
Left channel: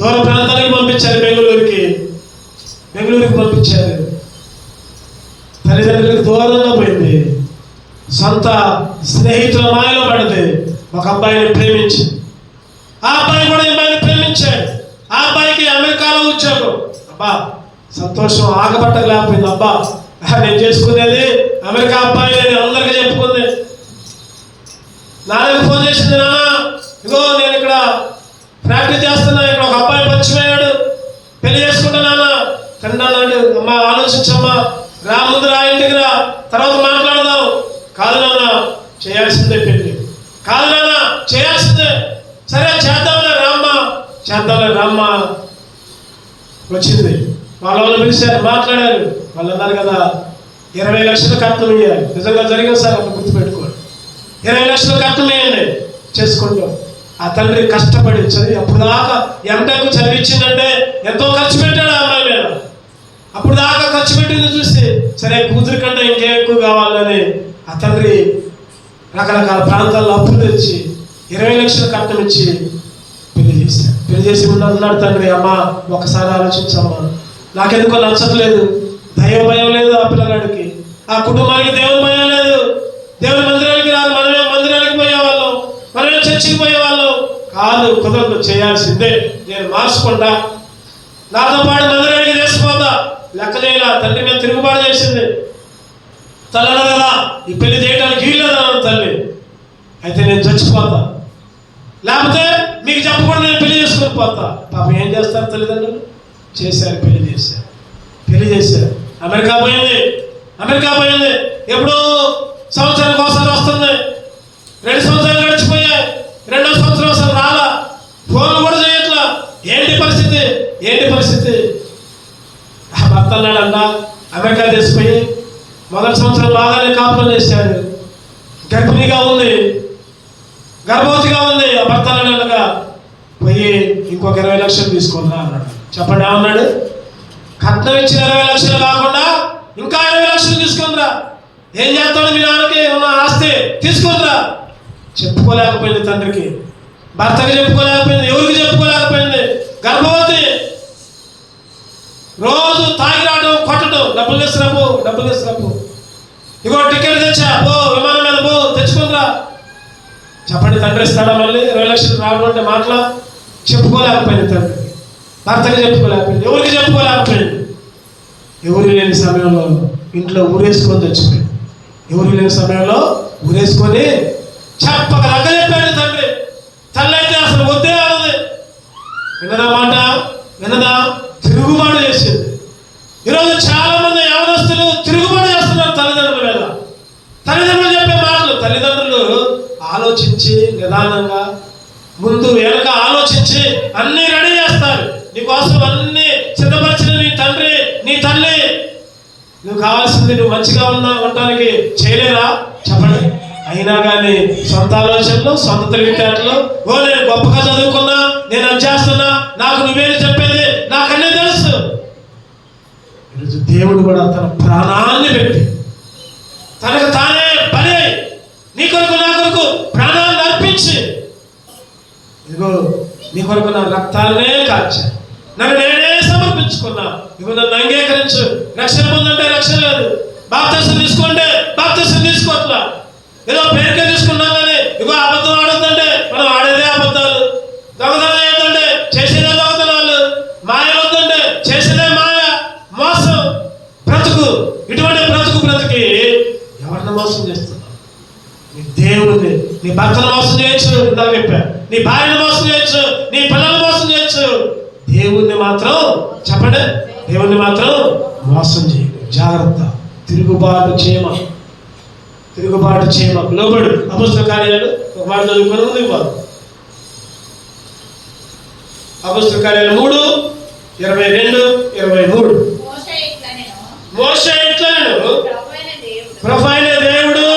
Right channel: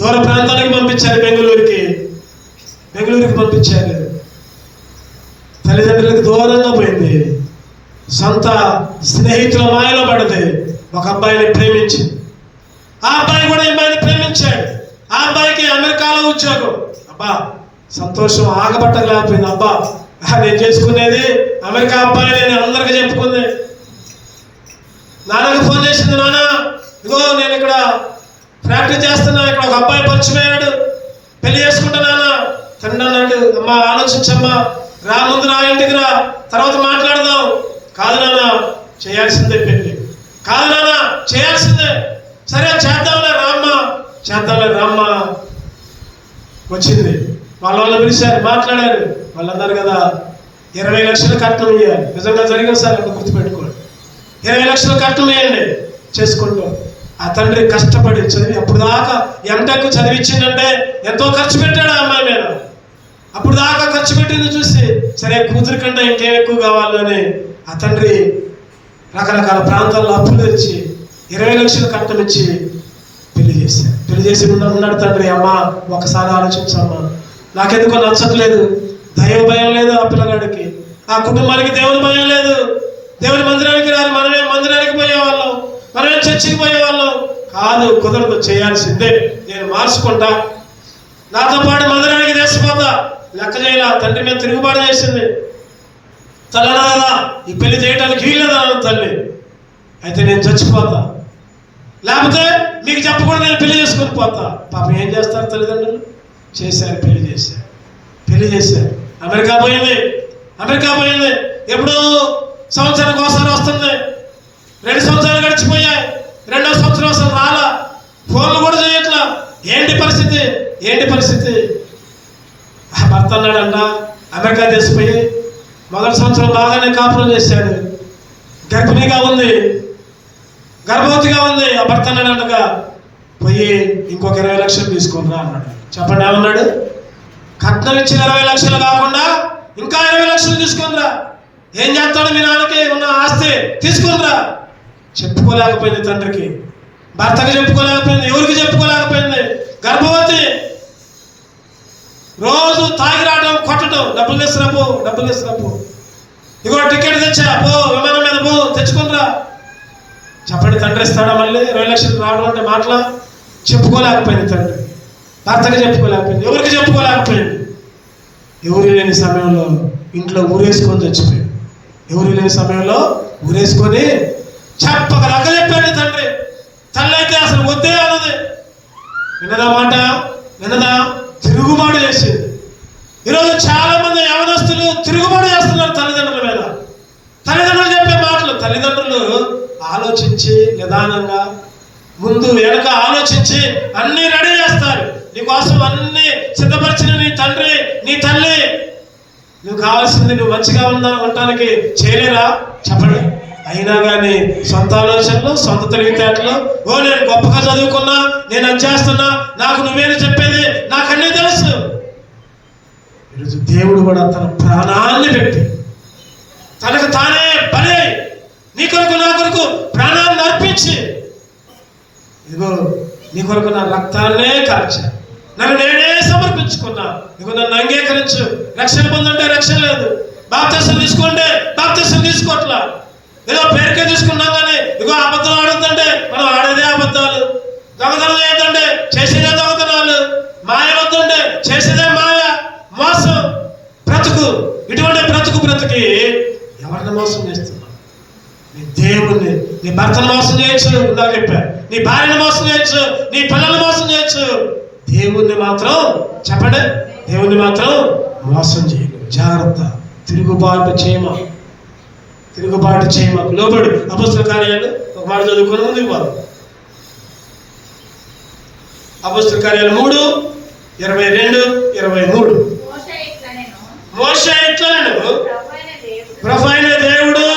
దూర ప్రాంతానికి పంపించారు. బెంగళూరుకి పంపించారు. తల్లిదండ్రులకు దూరంగా పోయింది. సొంత స్నేహితుల మాయలో పడింది. ఒక అబ్బాయిని ప్రేమించి, ఆ అబ్బాయి కూడా అమ్మాయిని ప్రేమించాడు. ఆ అబ్బాయికి అమెరికాలో ఉద్యోగం. అబ్బా సంతోషం ఆగబట్టలేకపోయింది. అబ్బా నేను చేసుకునేది అమెరికా అబ్బాయి, నేను అందరికీ చెప్పుకుంది. నాన్నకి ఫోన్ చేసింది, నాన్న ఇగో నేను ఇక్కడ ప్రాక్టీస్ చేస్తున్నా, ఇక్కడ ఒక అబ్బాయి పరిచయమయ్యాడు, పెళ్లి చేసుకుంటున్నానా. తండ్రి అన్నాడు, అమ్మా ఆలోచించమ్మా, రా ముందు రా, ఇంటికి రా, తర్వాత మాట్లాడదాం. కాదు నాన్న చేయాల్సిందే పెళ్లి, కాదు నాన్న చేయాల్సిందే. సరే చేద్దాంలే రామ్మా. వచ్చింది. వాళ్ళు పిలిచారు, మాట్లాడారు. వాళ్ళు అన్నారు కదా 20 లక్షలు కట్నం ఇవ్వాలి. నిజంగా జరిగింది సార్, అక్కడ గుర్తుపెట్టుకోండి. 20 లక్షలు కట్నం వేయండి చేసుకుంటాం. ఆ తండ్రి కష్టపడి చదివి అప్పుడు దాకా ఎంటెక్ చదివించిందంటే ఎంతో ఖర్చు పెట్టాడు ఆ అమ్మాయి మీద. అప్పుడు దాకా ఖర్చు పెట్టింది చూసి, సరే కూతురి కంటే ఇంకేం ఎక్కువ కావాలని ఆ తండ్రి రకరకాల ప్రాంతాల్లో అప్పులు తెచ్చి 20 లక్షలు కట్నం ఇచ్చి పెళ్లి చేశాడు. పెళ్లి చేసి ఉన్నాడు తండ్రి. అమ్మ ఒకసారి ఆలోచించమ్మా, నాకెందుకో నచ్చట్లేదు, దైవ భయం లేదు ఆ పిల్లగాడికి, ఆ కుటుంబానికి దేవుని భయం లేదు. దేవుని మందిరానికి రాదు, మనమే మందిరానికి పోయేవాళ్ళం, మనమే చర్చికి పోయేవాళ్ళం. కాదు, కుదరదు, చేయాల్సిందే, నేను మార్చుకుంటా, నాతో పాటు మందిరానికి చేసిపోతా. లెక్క చేయాల తండ్రి మీద తిరుగుబాటు చేసింది. తల్లనగా ఈ పెళ్లి చేయడానికి వీల్లేదా తల్లి, అయితే నేను చచ్చిపోతా, లేకపోతే మీకు చెప్పకుండా నేను పెళ్లి చేసుకొని పోతా. పాపం ఏం చేస్తారు తల్లిదండ్రులు? చేశారు, పెళ్లి చేశారు. అమెరికా పోయింది. ఎప్పుడు సంవత్సరానికి ఒకసారి వస్తుంది. 2 సంవత్సరాలు గడిచిపోయాయి. 2వ సంవత్సరం అసలు రాలా, ఫోన్లు కూడా చేయట్లా. ఏంటి పరిస్థితి? భర్త అన్నాడంట, అమెరికా చేసిపోయి మొదటి సంవత్సరం బాగానే కాపురం చేశాడు. గర్భవతిగా ఉంది. ఆ భర్త అన్నాడంటగా, పోయి ఇంకొక 20 లక్షలు తీసుకుందా అన్నాడు. చెప్పండి ఏమన్నాడు? కట్నం ఇచ్చిన 20 లక్షలు కాకుండా ఇంకా 20 లక్షలు తీసుకుందిరా. ఏం చేస్తాడు? మీ నాన్నకి ఉన్న ఆస్తి తీసుకుందిరా. చెప్పుకోలేకపోయింది తండ్రికి, భర్తకి చెప్పుకోలేకపోయింది, ఎవరికి చెప్పుకోలేకపోయింది. గర్భవతి, రోజు తాగి రావడం, కొట్టడం, డబ్బులు తీసుకురాపో, ఇగో టికెట్ తెచ్చా, పో విమానం మీద పో, తెచ్చుకుందిరా. చెప్పండి, తండ్రి ఇస్తాడా మళ్ళీ 20 లక్షలు రావడం అంటే? మాటలా చెప్పుకోలేకపోయింది తండ్రికి, భర్తకి చెప్పుకోలేకపోయింది, ఎవరికి చెప్పుకోలేకపోయింది. ఎవరు లేని సమయంలో ఇంట్లో ఊరేసుకొని చచ్చిపోయింది. ఎవరు లేని సమయంలో ఊరేసుకొని చెప్పక రగ్గ చెప్పాడు తండ్రి. తల్లి అయితే అసలు వద్దే అన్నది. విన్నదా? తిరుగుబాటు చేసేది. ఈరోజు చాలా మంది యవనస్తులు తిరుగుబాటు చేస్తున్నారు తల్లిదండ్రుల మీద. తల్లిదండ్రులు చెప్పే మాటలు, తల్లిదండ్రులు వెనక ఆలోచించి అన్ని రెడీ చేస్తారు నీకోసం, అన్ని సిద్ధపరిచిన నీ తండ్రి నీ తల్లి. నువ్వు కావాల్సింది నువ్వు మంచిగా ఉండటానికి చేయలేరా చెప్పండి. అయినా కానీ సొంత ఆలోచనలు, సొంత తెలివితేటలు, నేను గొప్పగా చదువుకున్నా, నేను అది చేస్తున్నా, నాకు నువ్వేది చెప్పేది, నాకు అన్నీ తెలుసు. ఈరోజు దేవుడు కూడా తన ప్రాణాన్ని పెట్టి తనకు తానే బలి అయి నీ కొరకు నా కొరకు ప్రాణాన్ని అర్పించి, ఇదిగో నీ కొరకు నా రక్తాన్నే కార్చా, నన్ను నేనే సమర్పించుకున్నా, ఇదిగో నన్ను అంగీకరించు. రక్షణ పొందుంటే రక్షణ లేదు, బాప్తిసం తీసుకుంటే బాప్తిసం తీసుకోవట్లా, ఏదో పేరుకే తీసుకున్నాం కానీ ఇగో అబద్ధం ఆడుతుంటే మనం ఆడేదే అబద్ధాలు, దొంగతనం ఏంటంటే చేసేదే దొంగతనాలు, మాయ వద్దంటే చేసేదే మాయ, మోసం, బ్రతుకు. ఇటువంటి బ్రతుకి ఎవరిని మోసం చేస్తున్నా? నీ దేవుడిని, నీ భర్తను మోసం చేయొచ్చు, ఇందాక చెప్పా, నీ భార్యను మోసం చేయొచ్చు, నీ పిల్లల్ని మోసం చేయొచ్చు. దేవుణ్ణి మాత్రం చెప్పండి, దేవుణ్ణి మాత్రం మోసం చేయకు. జాగ్రత్త. తిరుగుబాటు చేయమ లోబడు. అపొస్తలుల కార్యాలు ఒక మాట చదువుకుని వారు అపొస్తలుల కార్యాలు 3:22-23. మోషే ఇట్లనెను, ప్రభువైన దేవుడు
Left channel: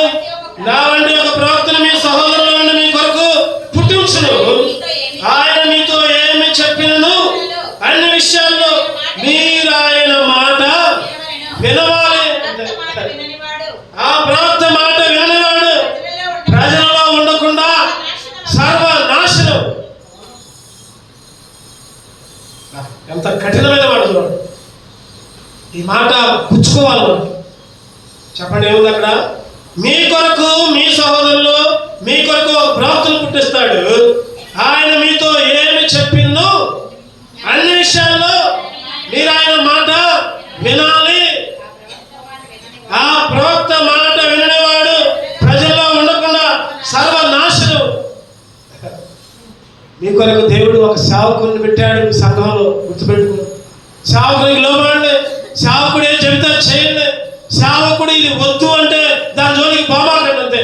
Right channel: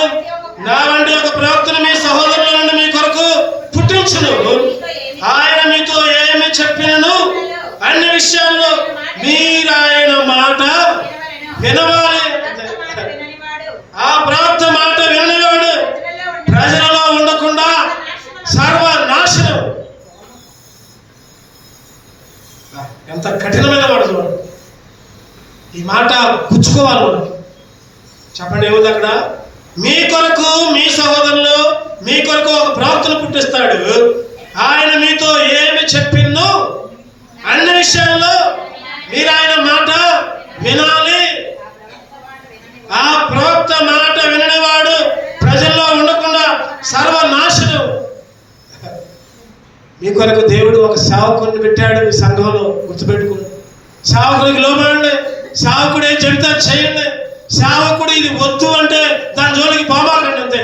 నా వంటి ఒక ప్రవక్తను మీ సహోదరుల నుండి మీ కొరకు పుట్టించును. ఆయన మీతో ఏమి చెప్పినను అన్ని విషయాల్లో మీరు ఆయన మాట వినవాలి. ఆ ప్రవక్త మాట విననివాడు ప్రజలలో ఉండకుండా సర్వనాశనం. ఎంత కఠినమైన మాట చూడండి. ఈ మాట పుచ్చుకోవాలి మనం. చెప్పండి ఏముంది అక్కడ? మీ కొరకు మీ సహోదరులు మీ కొరకు ఒక ప్రవక్తను పుట్టిస్తాడు. ఆయన మీతో ఏమి చెప్పిందో అన్ని విషయాల్లో మీరు ఆయన మాట వినాలి. ఆ ప్రవక్త మాట విననివాడు ప్రజల్లో ఉండకుండా సర్వనాశనం. మీ కొరకు దేవుడు ఒక సేవకుడిని పెట్టాడు మీ సంఘంలో, గుర్తుపెట్టుకోండి. సేవకుడికి లోబడండి, సేవకుడు ఏం చెబితే చేయండి. సేవకుడు ఇది వద్దు అంటే దాని జోలికి పోమాకండి అంతే.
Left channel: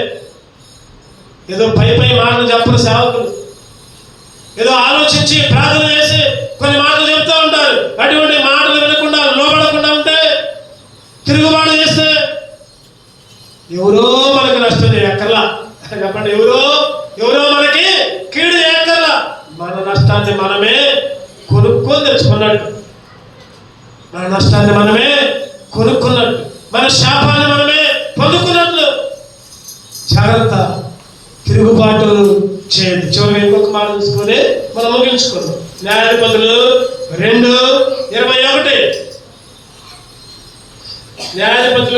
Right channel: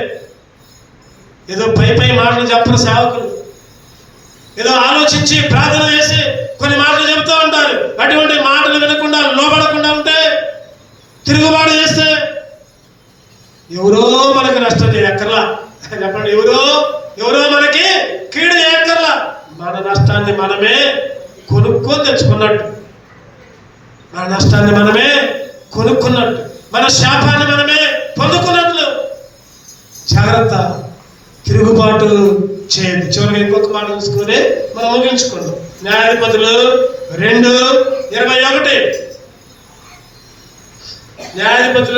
ఏదో పై మాటలు చెప్పరు సేవకులు, ఏదో ఆలోచించి ప్రార్థన చేసి కొన్ని మాటలు చెప్తూ ఉంటారు. అటువంటి మాటలు వినకుండా లోబడకుండా ఉంటే, తిరుగుబాటు చేస్తే ఎవరో మనకి నష్టం చేయక్కర్లా. చెప్పండి, ఎవరో మనకి కీడు చేయక్కర్లా. మన నష్టాన్ని మనమే కొనుక్కొని తెచ్చుకున్నట్టు, మన నష్టాన్ని మనమే కొనుక్కున్నట్టు, మన శాపాన్ని మనమే పొందుకున్నట్లు. జాగ్రత్త, తిరుగుబాటు చేయదు. చివరిగా ఇంకొక మాట తీసుకొని మనం ముగించుకుందాం. న్యాయాధిపతులు 2:21. న్యాయాధిపతులు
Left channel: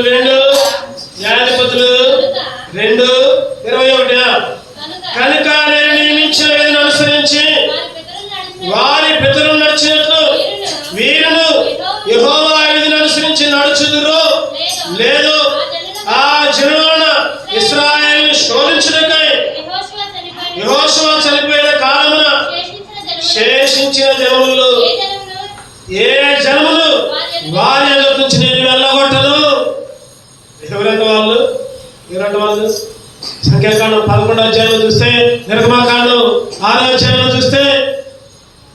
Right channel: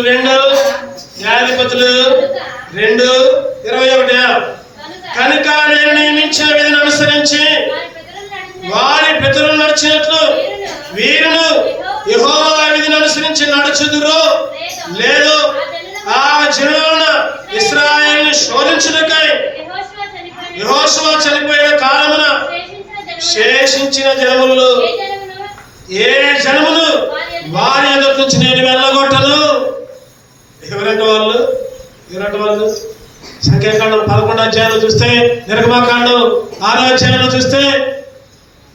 2:21. కనుక నేను నియమించిన విధిని అనుసరించి వారి పితరులు నడిచినట్లు వీరును యెహోవా విధిని అనుసరించి నడుచుదురో లేదు ఆ జనులను ఇశ్రాయేలును శోధించుటకై యెహోషువ చనిపోయిన కాలమున శేషించిన జనములు ఏ జనములు వారి ఎదుట నుంచి నేను వెళ్ళగొట్టను. ఎవరంటే వాళ్ళు సంఖ్యాకాండం 11వ అధ్యాయంలో చూస్తే, నిర్గమకాండం 6వ అధ్యాయంలో చూస్తే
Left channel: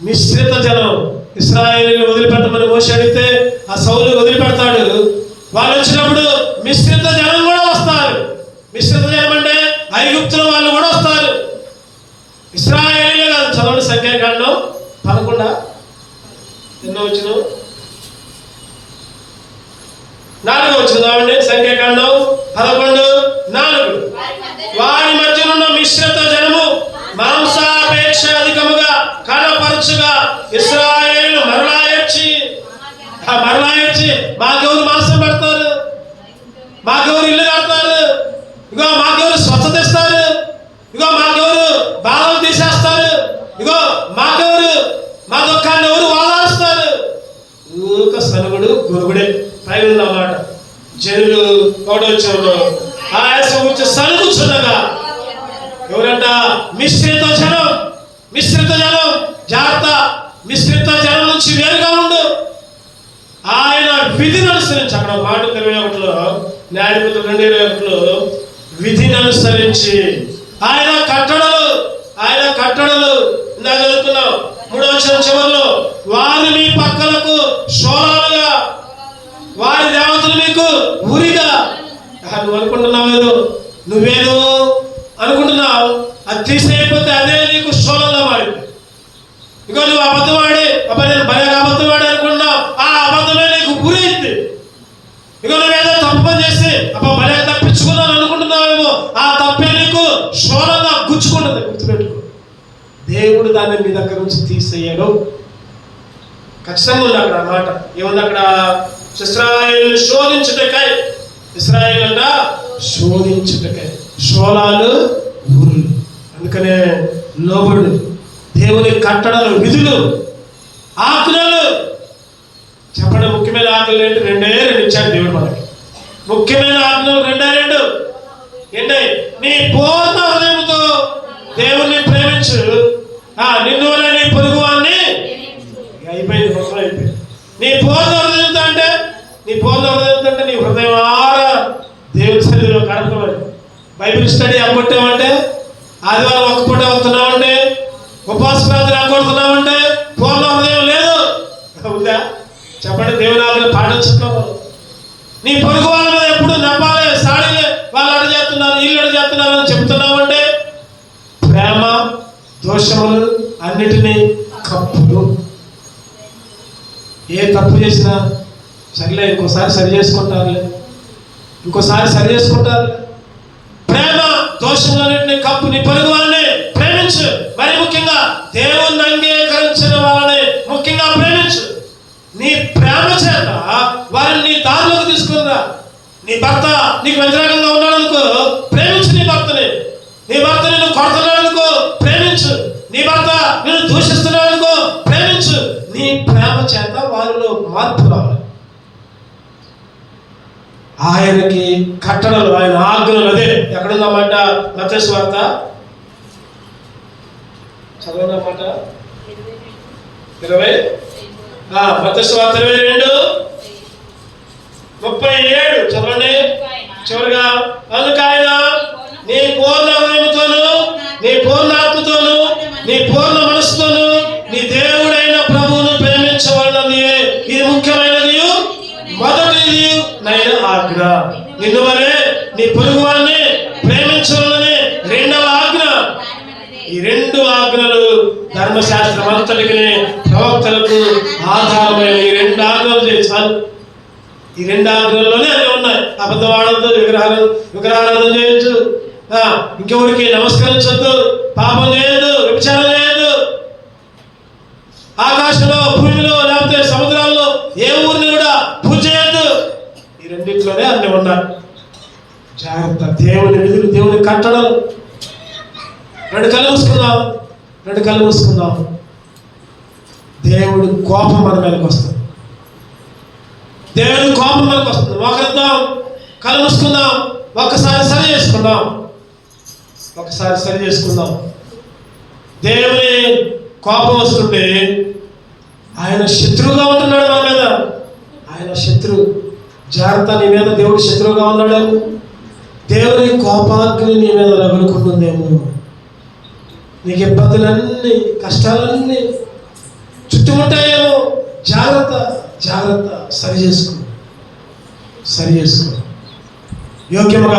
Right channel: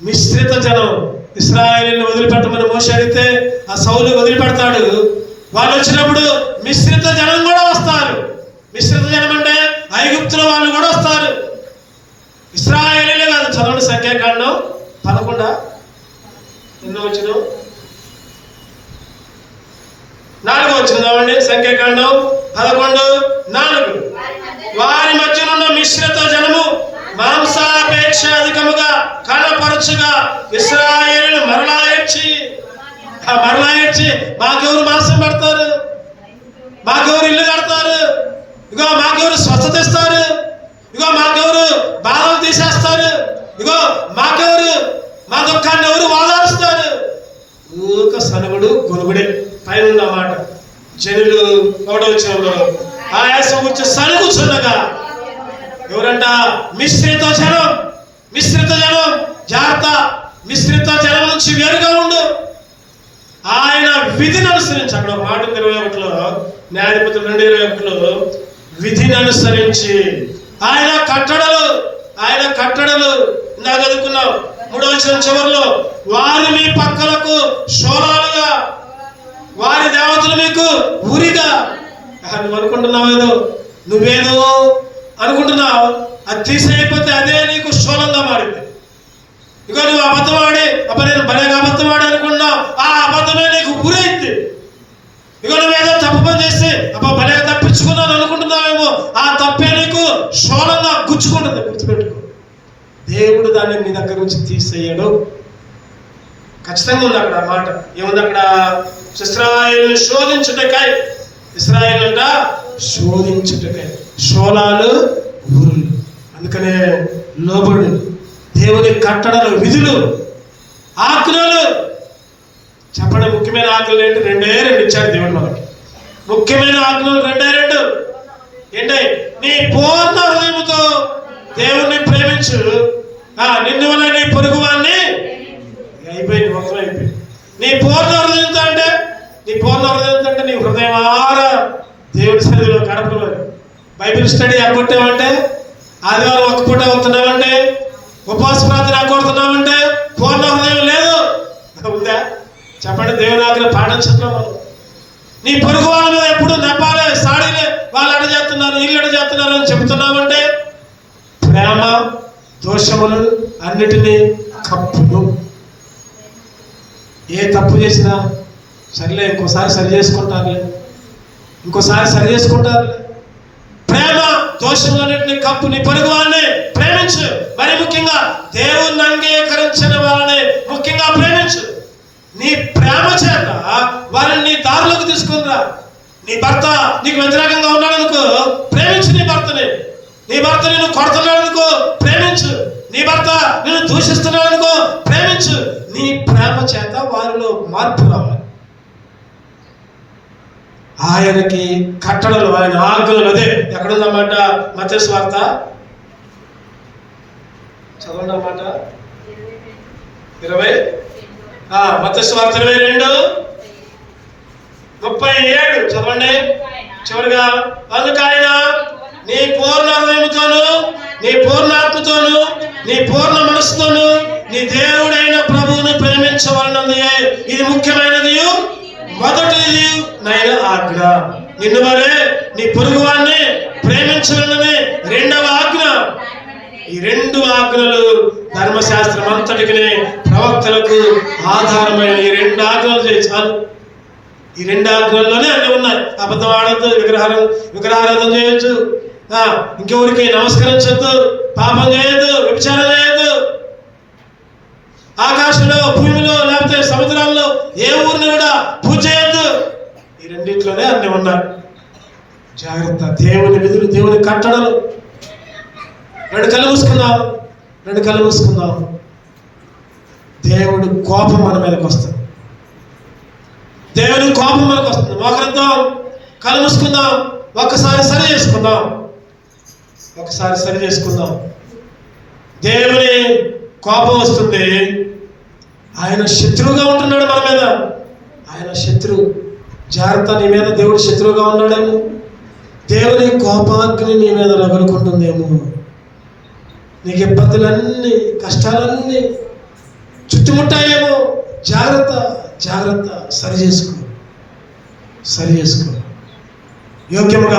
మిశ్రిత జనం ఇశ్రాయేలును వదిలిపెట్టమని మోషే అడిగితే ఆ సౌలు వదిలిపెడతాడు. వాళ్ళు వచ్చినప్పుడు మిశ్రిత జనం కూడా వస్తారు. మిశ్రిత జనం అంటే ఐగుప్తుల వాళ్ళు కూడా వస్తారు. ఇశ్రాయేలీలే కాదు. చదవండి సంఖ్యాకాండం 11 ఎన్నో వచ్చిన 4వ వచ్చిన చదవండి. సంఖ్యాకాండం 11:4. వారి మధ్యనున్న మిశ్రిత జనము మాంసాపేక్ష అధికముగా కనపరచుగా ఇశ్రాయేలును మరలా ఏడ్చి మాకెవరు మాంసం పెడతారు, మాకెవరు ఇల్లు కడతారు, ఇగో మాకెవరు స్వచ్ఛత ఇస్తారు, ఇగో మాకెవరు బాధలు తీసేస్తారు, ఇగో మాకెవరు మా దుఃఖాన్ని ఎవరు ఓదారుస్తారు. ఊక సనుగుడు గొరుగుడే పైన ఉన్నమాట. జనులు వచ్చినప్పుడు ఆయాసం వచ్చి సనుగుచున్నగా ఎవరంట? మిశ్రిత జనం. జాగ్రత్త, మిశ్రిత జనం నుంచి వేరుగా ఉండు. ఆయన విధిని అనుసరించి, అక్కడ మాట 21లో న్యాయాధిపతులు 2:21లో విధిని అనుసరించి ఆయన కట్టడలు ఇందాక చదువుకున్నాం 3వ వచనం చివరిలో, వారి మీ పక్కలకు శూలాలుగా, వారి దేవతలు మీకు ఊరిగా. నువ్వు అనుకుంటున్నావు ఏదో, నువ్వేదో అనుకుంటున్నావు, అది తీసేయకపోతే అదే నీకు శూలంగా మారింది. ఇక నువ్వు అబద్ధం ఆడి, నేను భలేగా అబద్ధం ఆడి అనుకుంటున్నావు, ఆ అబద్ధమే నీకు ఊరైంది. ఇక నువ్వేదో తప్పు పని చేస్తే భలే తప్పించుకున్నాను అనుకుంటున్నావేమో, ఆ తప్పే నీకు శూలంగా గుచ్చుకుంటుంది. గుర్తుపెట్టుకో, దేవుడు దాన్ని మీ దగ్గర నుంచి తీసేయడు. ఖచ్చితంగా ఉంది అక్కడ మాట. ఏముంది అక్కడ? ఇశ్రాయేలు శోధించుటకై, ఇశ్రాయేలు శోధించుటకై, శూలాలు ఊరులు. అందుకనే లోబడు, దేవుని కట్టడలు, విధులు, ఆజ్ఞలు. చెప్పండి, ముఖ్యమైన ఆజ్ఞలు ఏంటి? 2 ఇచ్చాడు దేవుడు మనకి. ముఖ్యమైన ఆజ్ఞలు 2 ఏంటి? నీ పూర్ణ హృదయంతో దేవుణ్ణి ప్రేమించు, నిన్ను వల్ల నీ పొరుగు వాడిని. అయిపోయింది, మొత్తం అయిపోయింది. నీ పూర్ణ హృదయంతో అంటే, నీ హృదయం ఆరా దేవుని సన్నిధిలో గడపడం. బైబిల్ స్టడీ అప్పట్టామంటే, ఆదివారం ఒక పూట వస్తున్నామంటే, ఉపవాస ప్రార్థన కొడుతున్నామంటే పూర్ణ హృదయం లేదు. ఉందా? చెప్పండి. దేవుని ఆజ్ఞ పాటించట్లేదు. నీ పొరుగు వాళ్ళ మీద ఎప్పుడు నవ్వాలి, సాడీలే, వాళ్ళు అడిగేస్తున్నారు, ఇల్లు అడిగేస్తున్నారు అని చెబుతున్నామంటే ప్రేమ దోషములు అన్నిటినీ కప్పులు. ఏ తప్పు చేసినా సరిలే, ఇంకోసారి సరి చేసుకుంటారు. ప్రేమ దోషములన్నింటినీ కప్పు. నీ పొరుగు వాళ్ళని ప్రేమించు. మరి ముఖ్యంగా దేవుణ్ణి అంగీకరించిన వాళ్ళని ముఖ్యంగా ప్రేమించు. నీ ప్రేమ చేత వారిని నీ దారిలోకి తీసుకునిరా. నీ భర్త నీకు వ్యతిరేకంగా ఉన్నాడనుకో, ప్రేమించు నీ భర్తని. నీ భర్త నిన్ను కొడుతున్నాడనుకో, ప్రేమించు. నీ భర్త నిన్ను దూషిస్తున్నాడనుకో, ప్రేమించు. నీ ప్రేమ చేత వారిలో మార్పు రావాలి. ఆయనకి కట్టడలు, ఆయన ఆజ్ఞలు. అదే ఎక్కడుందన్నమాట? మత్తయి సువార్త చదవనమాట 20, మత్తయి సువార్త 22:37 చదవండి. చివరిగా, అందుకు ఆయన నీ పూర్ణ హృదయంతోను, నీ పూర్ణ ఆత్మతోను, నీ పూర్ణ మనసుతోను నీ దేవుడైన ప్రభువును ప్రేమించవలనది ఇది ముఖ్యమైనది, మొదటిది నైన ఆజ్ఞ. నిన్ను వలె నీ పొరుగు వారిని ప్రేమించవలనది 2వ ఆజ్ఞ. ఈ 2 ఆజ్ఞలు ధర్మశాస్త్రం అంతటికి, ప్రవక్తలకు ఆధారమైన ఈ 2 ఆజ్ఞలు చాలు. ఈ 2 ఆజ్ఞల్లోనే అన్నీ ఉన్నాయి. అబద్ధం ఆడద్దు, విగ్రహారాధన చేయొచ్చు, ఇంకెవరికి నమస్కరించొద్దు, పాపం చేయొద్దు, వ్యభిచారం చేయొద్దు, ఆకాశంలో, భూమిలో, లేకపోతే సముద్రాల్లో ఏ ఊరిని కూడా పూజ చేయొద్దు. ఈ 2 అన్నీ ఉన్నాయి. జాగ్రత్త. దేవుని విధులు, దేవుని కట్టడలు. 2 కళ్ళు మూసుకుందాం. దేవుడి కోపం మన మీదకి వస్తుంది. మోకరిద్దాం, కళ్ళు మూసుకుందాం. ఒక్కసారి సరి చేసుకుందాం. దేవుని కోపం వస్తుంటే ఆయన శత్రువుగా ఉంటున్నాడు మన మీద. ఆయన శత్రువు. జాగ్రత్త, నీ మీద దేవుడు శత్రువుగా ఉన్నాడు. దేవుని కోపాగ్ని నీ మీద రగులుకుంటుందేమో. నీకు ఇబ్బందులన్నీ, కష్టాలన్నీ చుట్టుముట్టాయేమో. జాగ్రత్త. సరి చేసుకో. యోగ్యముగా